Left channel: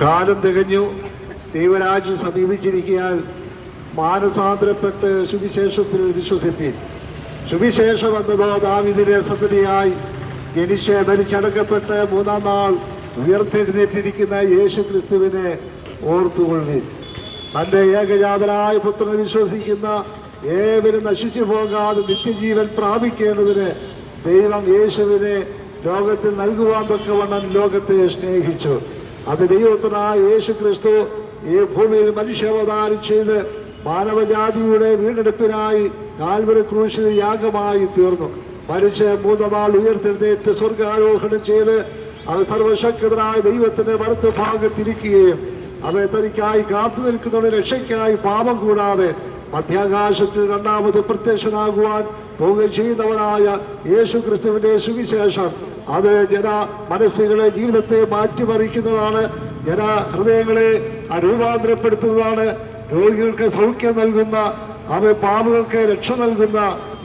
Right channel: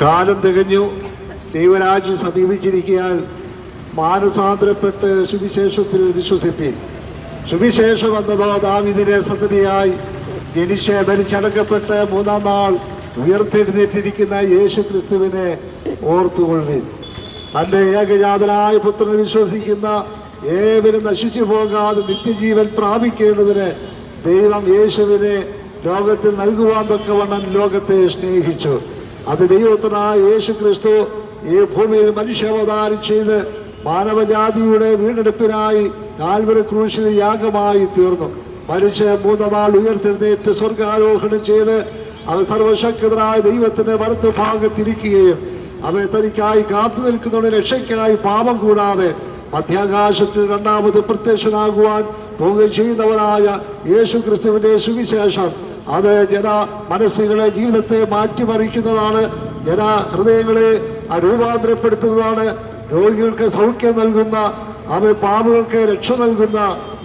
കാലം തികഞ്ഞു, ദൈവരാജ്യം സമീപിച്ചിരിക്കാൻ മാനസാന്തരപ്പെട്ട് സുവിശേഷത്തിൽ വിശ്വസിപ്പിൻ. സുവിശേഷം എന്നതോ ദാവീദിന്റെ സന്തതിയായി ജനിച്ച് മരിച്ചടക്കപ്പെട്ട് മൂന്നാം നാൾ ഉയർത്തെഴുന്നേറ്റിരിക്കുന്ന യേശു ക്രിസ്തുവിനെ ഓർത്തുകൊള്ളുവിൻ. തൻ്റെ ഏകജാതനായ പുത്രനെ വിശ്വസിക്കുന്ന ഏവരും നശിച്ചു പോകാതെ നിത്യജീവൻ പ്രാപിക്കേണ്ടതിന് ദൈവം യേശുവിനെ ലോകത്തിൽ നൽകുവാൻ തക്കവണ്ണം ലോകത്തെ സ്നേഹിച്ചു. അത് ദൈവത്തിനായ യേശു ക്രിസ്തു ഈ ഭൂമിയിൽ മനുഷ്യാവതാരം ചെയ്ത് മാനവജാതിയുടെ വീണ്ടെടുപ്പിനായി കാൽവരി ക്രൂശിൽ യാഗമായി തീർന്നു. മരിച്ച് മൂന്നാം നാൾ ഉയർത്തെഴുന്നേറ്റ് സ്വർഗാരോഹണം ചെയ്ത് അവൻ സർവശക്തനായ ദൈവത്തിന്റെ വലത്തുഭാഗത്തിരിക്കുകയും അവൻ തനിക്കായി കാത്തു നിൽക്കുന്നവരുടെ രക്ഷയ്ക്കായി പാപം കൂടാതെ മധ്യാകാശത്തിൽ രണ്ടാമത് പ്രത്യക്ഷനാകുവാൻ പോവുകയും ചെയ്യുന്നവനായ യേശു ക്രിസ്തുവിന്റെ സുവിശേഷം അത് ജന മനസ്സുകളെ ജീവിതത്തെ മാറ്റിമറിക്കുന്നതാണ്, ജന ഹൃദയങ്ങളെ രൂപാന്തരപ്പെടുത്തുന്നതാണ്, രോഗികൾക്ക് സൗഖ്യം നൽകുന്ന, അവൻ പാപങ്ങൾക്ക് രക്ഷ നൽകുന്ന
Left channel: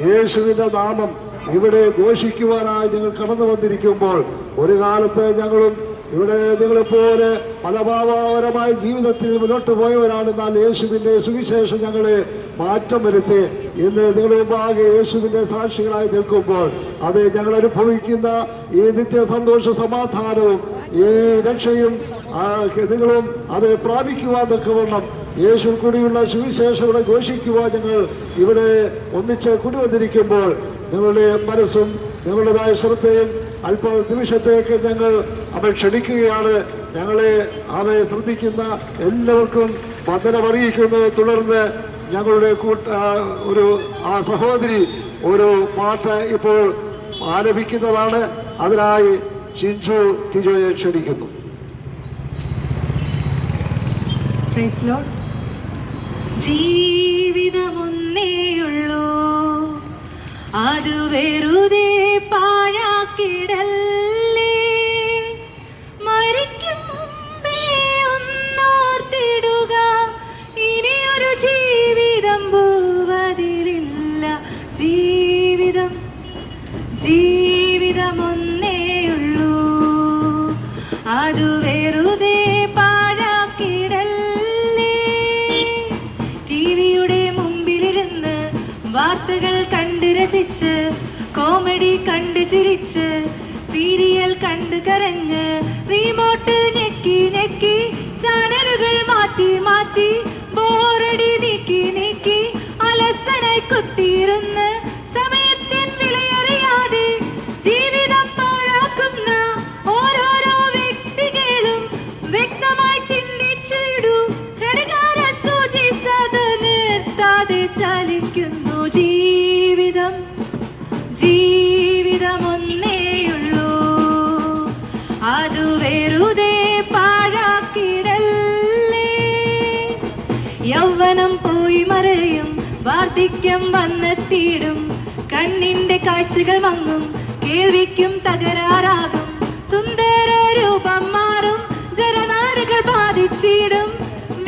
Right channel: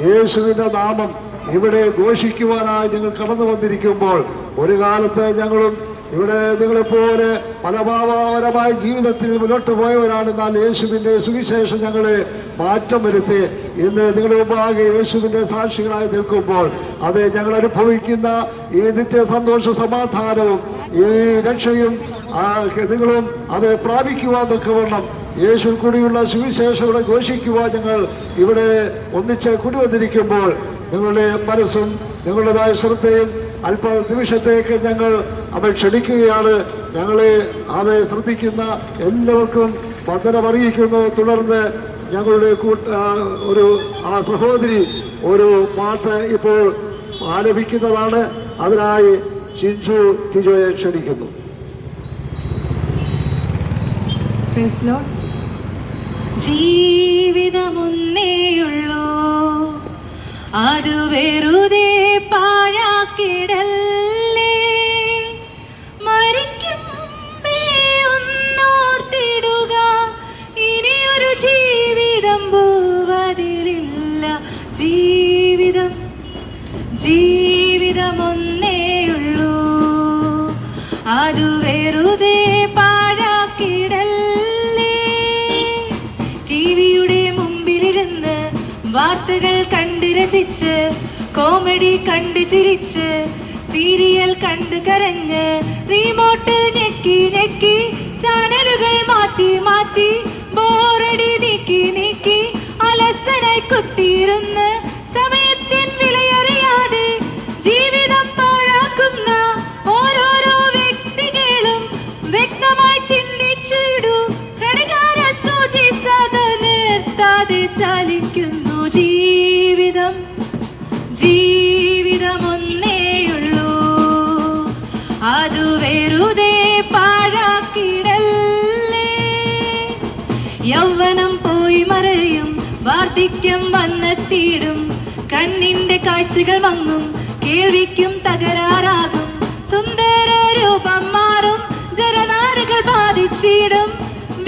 യേശുവിന്റെ നാമം ഇവിടെ ഘോഷിക്കുവാനായി ഞങ്ങൾ കടന്നു വന്നിരിക്കുമ്പോൾ ഒരു കാലത്ത് ഞങ്ങളും ഇവിടെ നിങ്ങളെപ്പോലെ ഫലഭാവപരമായ ജീവിതത്തിൽ മുന്നോട്ട് പോയവരാണ്. എന്നാൽ യേശുവിന്റെ സുവിശേഷം ഞങ്ങളെ മാറ്റം വരുത്തി ഇന്ന് നിങ്ങളുടെ മുമ്പാകെ യേശുവിന്റെ സാക്ഷികളായി നിൽക്കുമ്പോൾ അത് ഞങ്ങൾ അനുഭവിക്കുന്ന ഈ നിത്യ സന്തോഷ സമാധാനവും ഈ രക്ഷയും നിങ്ങളും അത് പ്രാപിക്കുവാൻ തക്കവണ്ണം യേശു കൂടിയുള്ള സുവിശേഷം ഇവിടെ ഘോഷിക്കുവാൻ ഞങ്ങൾ ഇവിടെ ഒന്നിച്ച് കൂടിവന്നിരിക്കുമ്പോൾ നിങ്ങളുടെ മനസ്സും നിങ്ങളുടേതായ ശ്രദ്ധയും അല്പ നിമിഷത്തേക്ക് ഞങ്ങൾ അവൻ ക്ഷണിക്കുകയാണ്. ഞങ്ങളെ അവയെ ശ്രദ്ധിക്കുന്ന എല്ലാവർക്കും വന്ദനമറിയിക്കുന്നത്. തുടർന്ന് ഞങ്ങളുടെ ഒരു സഹോദരി ഒരു പാട്ട് ഇപ്പോൾ ആലപിക്കുന്നതാണ്. അതിനായി ചിഞ്ചു ടിജോയെ ക്ഷണിക്കുന്നു. ജീവിതമൊന്നേയുള്ളൂ, അത് വെറുതെ പാഴാക്കിടല്ലേ. മരിക്കും മുമ്പേ ഒന്നോർത്തിടുക, ഇനിയൊരു ജീവിതം ഭൂവതിലില്ല. ജീവിതമൊന്നേയുള്ളൂ, അത് വെറുതെ പാഴാക്കിടല്ലേ. ടിവിയുടെ മുമ്പിലിരുന്ന് വാർത്തകൾ കണ്ട് രസിച്ച്, കോമഡി കണ്ട് ചിരിച്ച്, സീരിയൽ കണ്ട് കരഞ്ഞ്, റിമോട്ട് ഞെക്കി ഞെക്കി, ചാനലുകൾ മാറ്റി മാറ്റി, ബോറടി നീക്കി നീക്കി, അലസനായി കുത്തിയിരുന്ന് സമയത്തിൻ വിലയറിയാതെ ജീവിതം പാഴാക്കുന്ന ഓരോരോ വ്യക്തികളും വ്യക്തമായി ചിന്തിച്ചിടൂ. ഘടികാര സൂചി സദാ നിർത്താതെ ചലിക്കുന്നു. ജീവിതമൊന്നേയുള്ളൂ, അത് വെറുതെ പാഴാക്കിടല്ലേ. യൗവനം പോയി മറയും, വാർദ്ധക്യം വന്നെത്തിയിടും, കണ്ണിന്റെ കാഴ്ചകൾ മങ്ങും, കേൾവിക്കും തകരാറാകും, സുന്ദര രൂപം മാറും, ജലനാരുകൾ ബാധിച്ചിടും,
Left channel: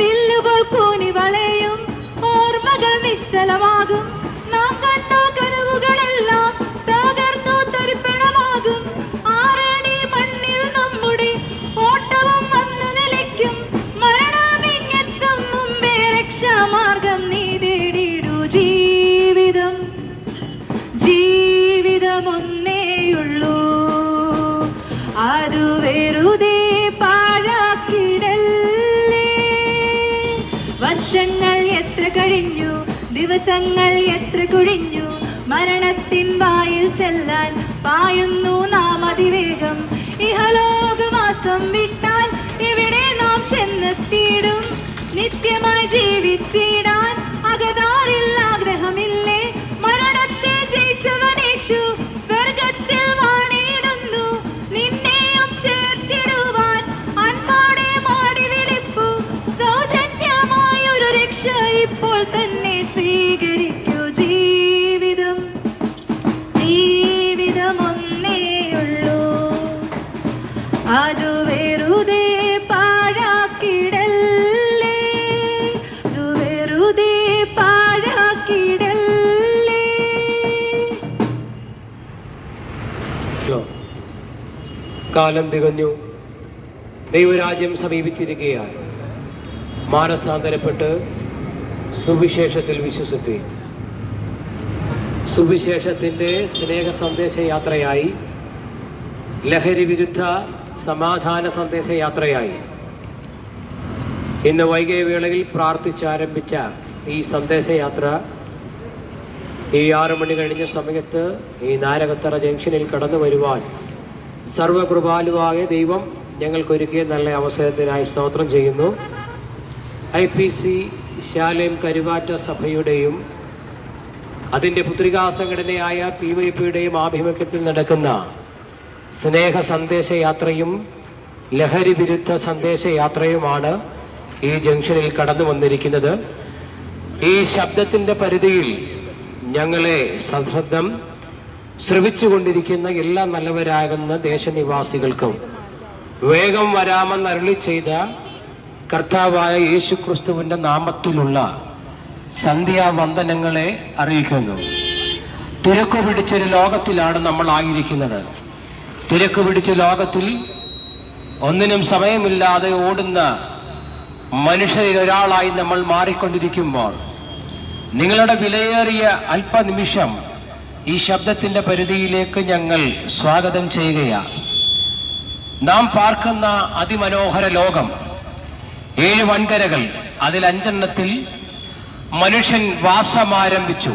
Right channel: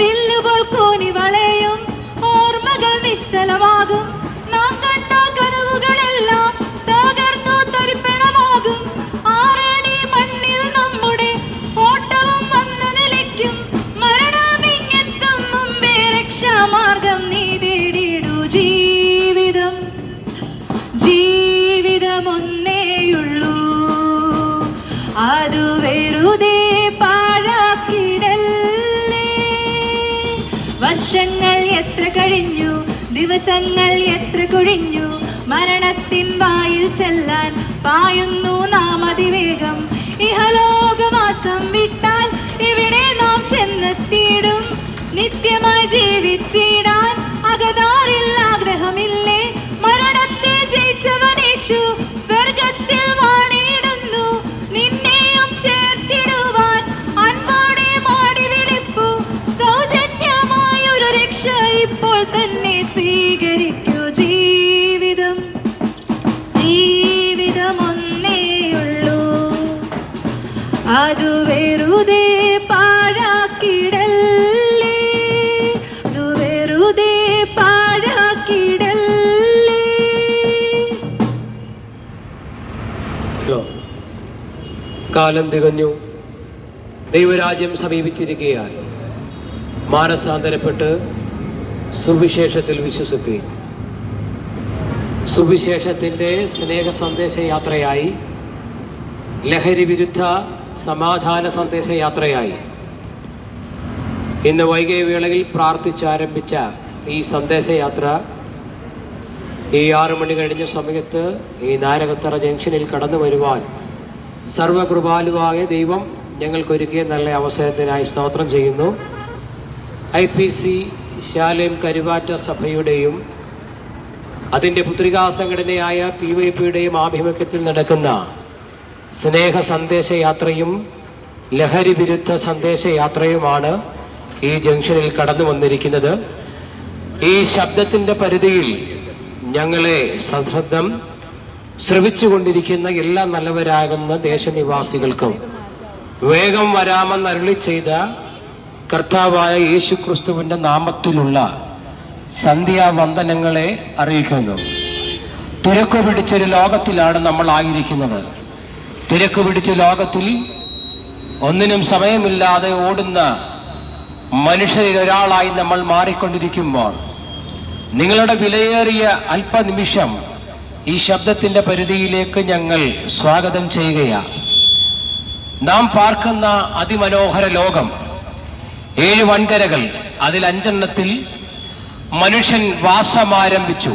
വില്ലുപോൽ കൂനി വളയും, ഓർമ്മകൾ നിശ്ചലമാകും, നാം കണ്ട കനവുകളെല്ലാം തകർന്നു തരിപ്പണമാകും. ആറടി മണ്ണിൽ നമ്മുടെ ഓട്ടം വന്നു നിലയ്ക്കും, മരണമിങ്ങെത്തും മുമ്പേ രക്ഷാമാർഗം നീ തേടിയിടൂ. ജീവിതമൊന്നേയുള്ളൂ, അത് വെറുതെ പാഴാക്കിടല്ലേ. വർഷങ്ങൾ എത്ര കഴിഞ്ഞു, ദിവസങ്ങൾ എത്ര കുഴിഞ്ഞു, മരണത്തിൻ വായിൽ ചെല്ലാൻ പായുന്നു നാം അതിവേഗം. ഇഹലോകവാസം വിട്ടാൽ ഇവിടെ നാം ചെന്നെത്തിയിടും, നിത്യമായി ജീവിച്ചിടാൻ അകതാരിൽ ആഗ്രഹമില്ലേ. മരണത്തെ ജയിച്ചവനേശു സ്വർഗത്തിൽ വാണിടുന്നു, നിന്നെയും ചേർത്തിടുവാൻ അൻപോടെ മാടി വിളിപ്പു. സൗജന്യമായൊരു രക്ഷ ഇപ്പോൾ തന്നെ സ്വീകരിക്കൂ. ജീവിതമൊന്നേയുള്ളൂ, അത് വെറുതെ പാഴാക്കിടല്ലേ. അത് വെറുതെ പാഴാക്കിടല്ലേ. കാലം തികഞ്ഞു, ദൈവരാജ്യം സമീപിച്ചിരിക്കുകയാണ്. മാനസാന്തരപ്പെട്ട് സുവിശേഷത്തിൽ വിശ്വസിപ്പി. സുവിശേഷത്തിൻ്റെ സ്നേഹ സന്ദേശ യാത്രയായി, ലഹരി വിരുദ്ധ സമാധാന സന്ദേശ യാത്രയായി ഇന്ന് വൈകിയ വേളയിൽ പ്രാർത്ഥിച്ചാരംഭിച്ച ഈ സന്ദേശയാത്ര ഈ 6 മണി കഴിഞ്ഞ സമയത്ത് ഈ നാരകത്തറ ജംഗ്ഷനിൽ കടന്നു വരുവാൻ സർവകൃപാലുവായ ദൈവം ഞങ്ങൾക്കൊരുക്കിയ നല്ല അവസരത്തിനായി സ്തോത്രം ചെയ്യുന്നു. IPC ശാലേം കരുവാറ്റ സഭയുടെയും അതിൻ്റെ പുത്രികാ സംഘടനയായ PYPയുടെയും ആഭിമുഖ്യത്തിൽ നടക്കുന്ന സ്നേഹ സന്ദേശയാത്രയും ലഹരി വിരുദ്ധ സന്ദേശയാത്രയുമാണ് ഈ ജംഗ്ഷനിൽ കടന്നു വന്നിരിക്കുന്നത്. ഈ ശബ്ദത്തിൻ്റെ പരിധിയിൽ ഞങ്ങളെ സശ്രദ്ധം ശ്രവിച്ചുകൊണ്ടിരിക്കുന്ന എല്ലാ നല്ലവരാകുന്ന ദേശനിവാസികൾക്കും വേഗം വരാമെന്ന് അരുളി ചെയ്ത കർത്താവായ യേശു ക്രിസ്തുവിൻ്റെ നാമത്തിലുള്ള സന്ധ്യാവന്ദനങ്ങളെ അറിയിക്കുന്നു. തിരക്ക് പിടിച്ചൊരു ലോകത്തിലാണ് നമ്മൾ ആയിരിക്കുന്നത്. തിരക്ക് പിടിച്ച ലോകത്തിൽ ഒന്നിനും സമയമില്ലാതെ ഓടുന്ന മനുഷ്യരിൽ ഒരാളായി നമ്മൾ മാറിക്കൊണ്ടിരിക്കുമ്പോൾ നിങ്ങളുടെ വിലയേറിയ അല്പനിമിഷം ഈ ശബ്ദത്തിൻ്റെ പരിധിയിലേക്ക് ഞങ്ങൾ സ്വാഗതം ചെയ്യുകയാണ്. നാം പാർക്കുന്ന അതിമനോഹര ലോകം 7 വൻകരകൾ, അതിൽ 5 എണ്ണത്തിൽ മനുഷ്യൻ വാസമാരംഭിച്ചു.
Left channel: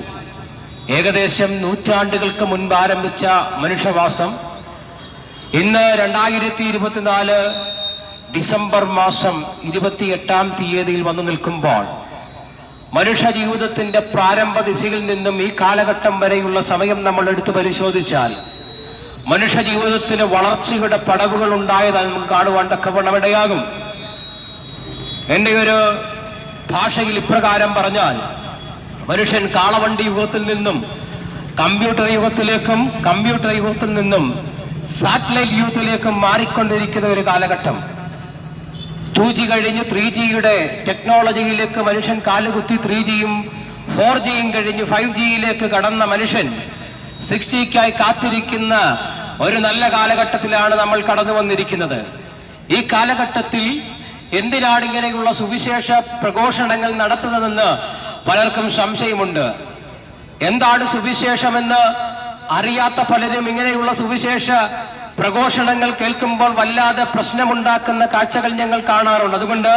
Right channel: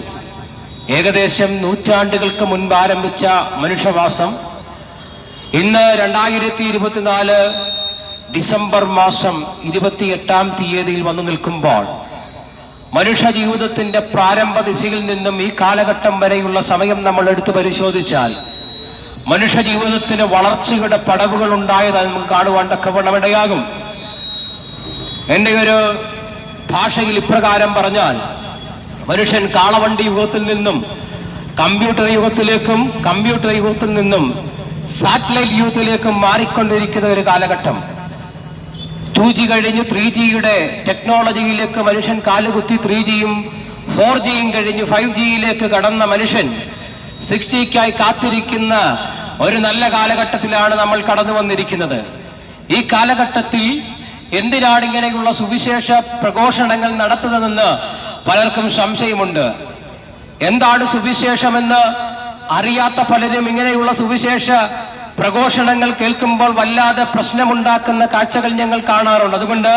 ഏകദേശം നൂറ്റാണ്ടുകൾക്ക് മുൻപ് ആരംഭിച്ച മനുഷ്യവാസം ഇന്ന് 2024 ഡിസംബർ മാസം 28-ാം തീയതിയിൽ വന്നു നിൽക്കുമ്പോൾ മനുഷ്യ ജീവിതത്തിന്റെ പ്രാരംഭ ദിശയിൽ നിന്നും ഈ കാലഘട്ടം വരെയുള്ള സമയം നമ്മൾ എടുത്തു പരിശോധിച്ചാൽ മനുഷ്യ ജീവിതത്തിന് വളർച്ചയുടെ പടവുകൾ ഉണ്ടായത് നമുക്ക് കാണുവാൻ തക്കവണ്ണമിടയാകും. എൻ്റെ ഒരു ഭാഷയിൽ ഇപ്രകാരം പറഞ്ഞാൽ, മനുഷ്യൻ കാളവണ്ടി യുഗത്തിൽ നിന്നും കമ്പ്യൂട്ടർ യുഗത്തിലേക്കും കമ്പ്യൂട്ടർ യുഗത്തിൽ നിന്നും സാറ്റലൈറ്റ് യുഗത്തിലേക്കും മാറിക്കൊണ്ടിരിക്കുന്ന ഒരു കാലഘട്ടം. 2G കഴിഞ്ഞ് 3Gയുടെ ടെക്നോളജിയിലേക്ക് മനുഷ്യൻ കാലുകുത്തി. 3Gയും 4Gയും കഴിഞ്ഞ് 5Gയിലേക്ക് കടന്ന മനുഷ്യൻ 6Gക്കായി കാത്തിരിക്കുന്ന ഒരു നല്ല കാലഘട്ടത്തിലാണ് നമ്മൾ കടന്നു വന്നിരിക്കുന്നത്. ഈ കാലഘട്ടത്തിൽ എന്തിനാണ് ഇങ്ങനെയുള്ള സുവിശേഷ പ്രഘോഷണങ്ങൾ നടത്തുന്നതെന്ന് പലർക്കും സംശയമുണ്ട്. എന്താണ് സുവിശേഷമെന്ന് അറിയാത്ത പലരും ഇങ്ങനെയുള്ള സുവിശേഷ പ്രഘോഷണങ്ങൾ കേൾക്കുമ്പോൾ വല്ലാതെ പ്രശ്നമുണ്ടാക്കുന്ന കാഴ്ചകൾ ഞങ്ങൾ കാണാറുണ്ട്. അതുകൊണ്ട്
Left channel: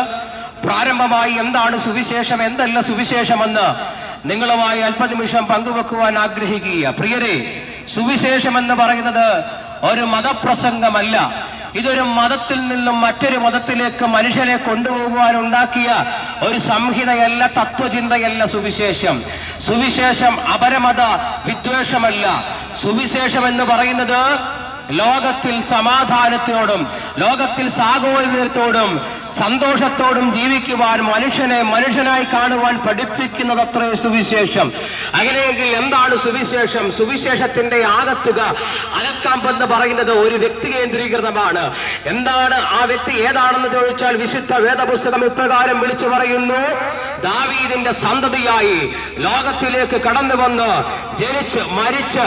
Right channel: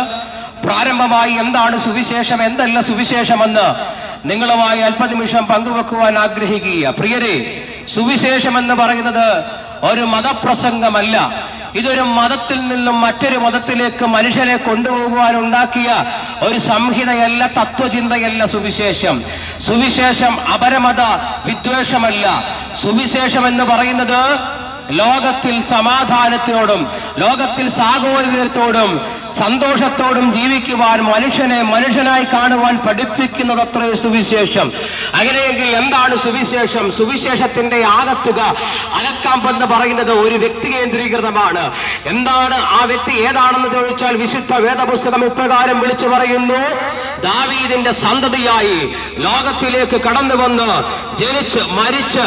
പ്രാരംഭമായി എന്താണ് സുവിശേഷം, എന്തല്ല സുവിശേഷമെന്ന് നിങ്ങളുമായി അല്പനിമിഷം പങ്കുവെക്കുവാൻ ആഗ്രഹിക്കുക. പ്രിയരെ, സുവിശേഷം എന്ന് പറയുന്നത് ഒരു മതപ്രസംഗമല്ല. ഇതൊരു മതത്തിൽ നിന്നും മറ്റൊരു മതത്തിലേക്ക് മനുഷ്യരെ കൊണ്ടുപോകുവാൻ ഉണ്ടാക്കിയ ഒരു സംഹിതയല്ല, തത്വചിന്തയല്ല സുവിശേഷം. സുവിശേഷം അപരമത വിദ്വേഷമല്ല. സുവിശേഷം എന്ന് പറയുന്നത് ലോകത്തിൽ സമാധാനത്തോടും ലോകത്തിൽ സാഹോദര്യത്തോടും സന്തോഷത്തോടും ജീവിക്കുവാൻ മനുഷ്യനെ മനുഷ്യനായി കാണുവാൻ പഠിപ്പിക്കുന്നതത്രേ സുവിശേഷം. അങ്ങനെയെങ്കിൽ എന്താണ് സുവിശേഷം? സുവിശേഷത്തിന്റെ ആകത്തുക അലക്കാമ്പെന്ന് പറയുന്നത് ഒരു വ്യക്തി കേന്ദ്രീകൃതമാണ്. എന്താണ് ആ വ്യക്തി, ഏതാണെന്ന് ചോദിച്ചാൽ വിശുദ്ധ വേദപുസ്തകം ഇപ്രകാരം വിളിച്ചു പറയുന്നു: ദാവീദിന്റെ സന്തതിയായി ലോകത്തിലേക്ക് കടന്നു വന്ന് ജനിച്ച് മരിച്ച്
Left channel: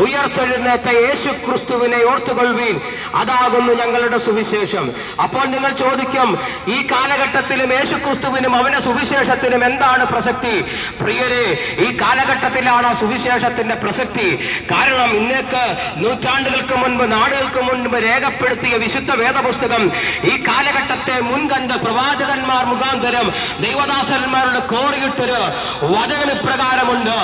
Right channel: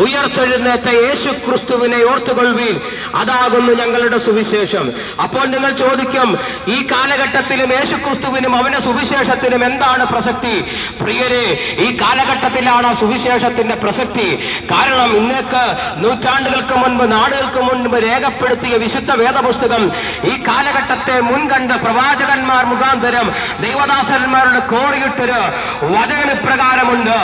ഉയർത്തെഴുന്നേറ്റ യേശു ക്രിസ്തുവിനെ ഓർത്തുകൊള്ളുവീൻ, അതാകുന്നു ഞങ്ങളുടെ സുവിശേഷം. അപ്പോൾ നിങ്ങൾ ചോദിക്കും, ഈ കാലഘട്ടത്തിലും യേശു ക്രിസ്തുവിനും അവന്റെ സുവിശേഷത്തിനും എന്താണ് പ്രസക്തി? പ്രിയരെ, ഈ കാലഘട്ടത്തിലാണ് സുവിശേഷത്തിന്റെ പ്രസക്തി. കാരണം ഇന്നേക്ക് നൂറ്റാണ്ടുകൾക്ക് മുൻപ്, നാടുകൾക്ക് മുൻപ് രേഖപ്പെടുത്തിയ വിശുദ്ധ വേദപുസ്തകം ഈ കാലഘട്ടത്തെ മുൻകണ്ട് പ്രവാചകന്മാർ മുഖാന്തരം ദൈവദാസന്മാരുടെ കോറിയിട്ടൊരു വചനം ഇപ്രകാരമുണ്ട്:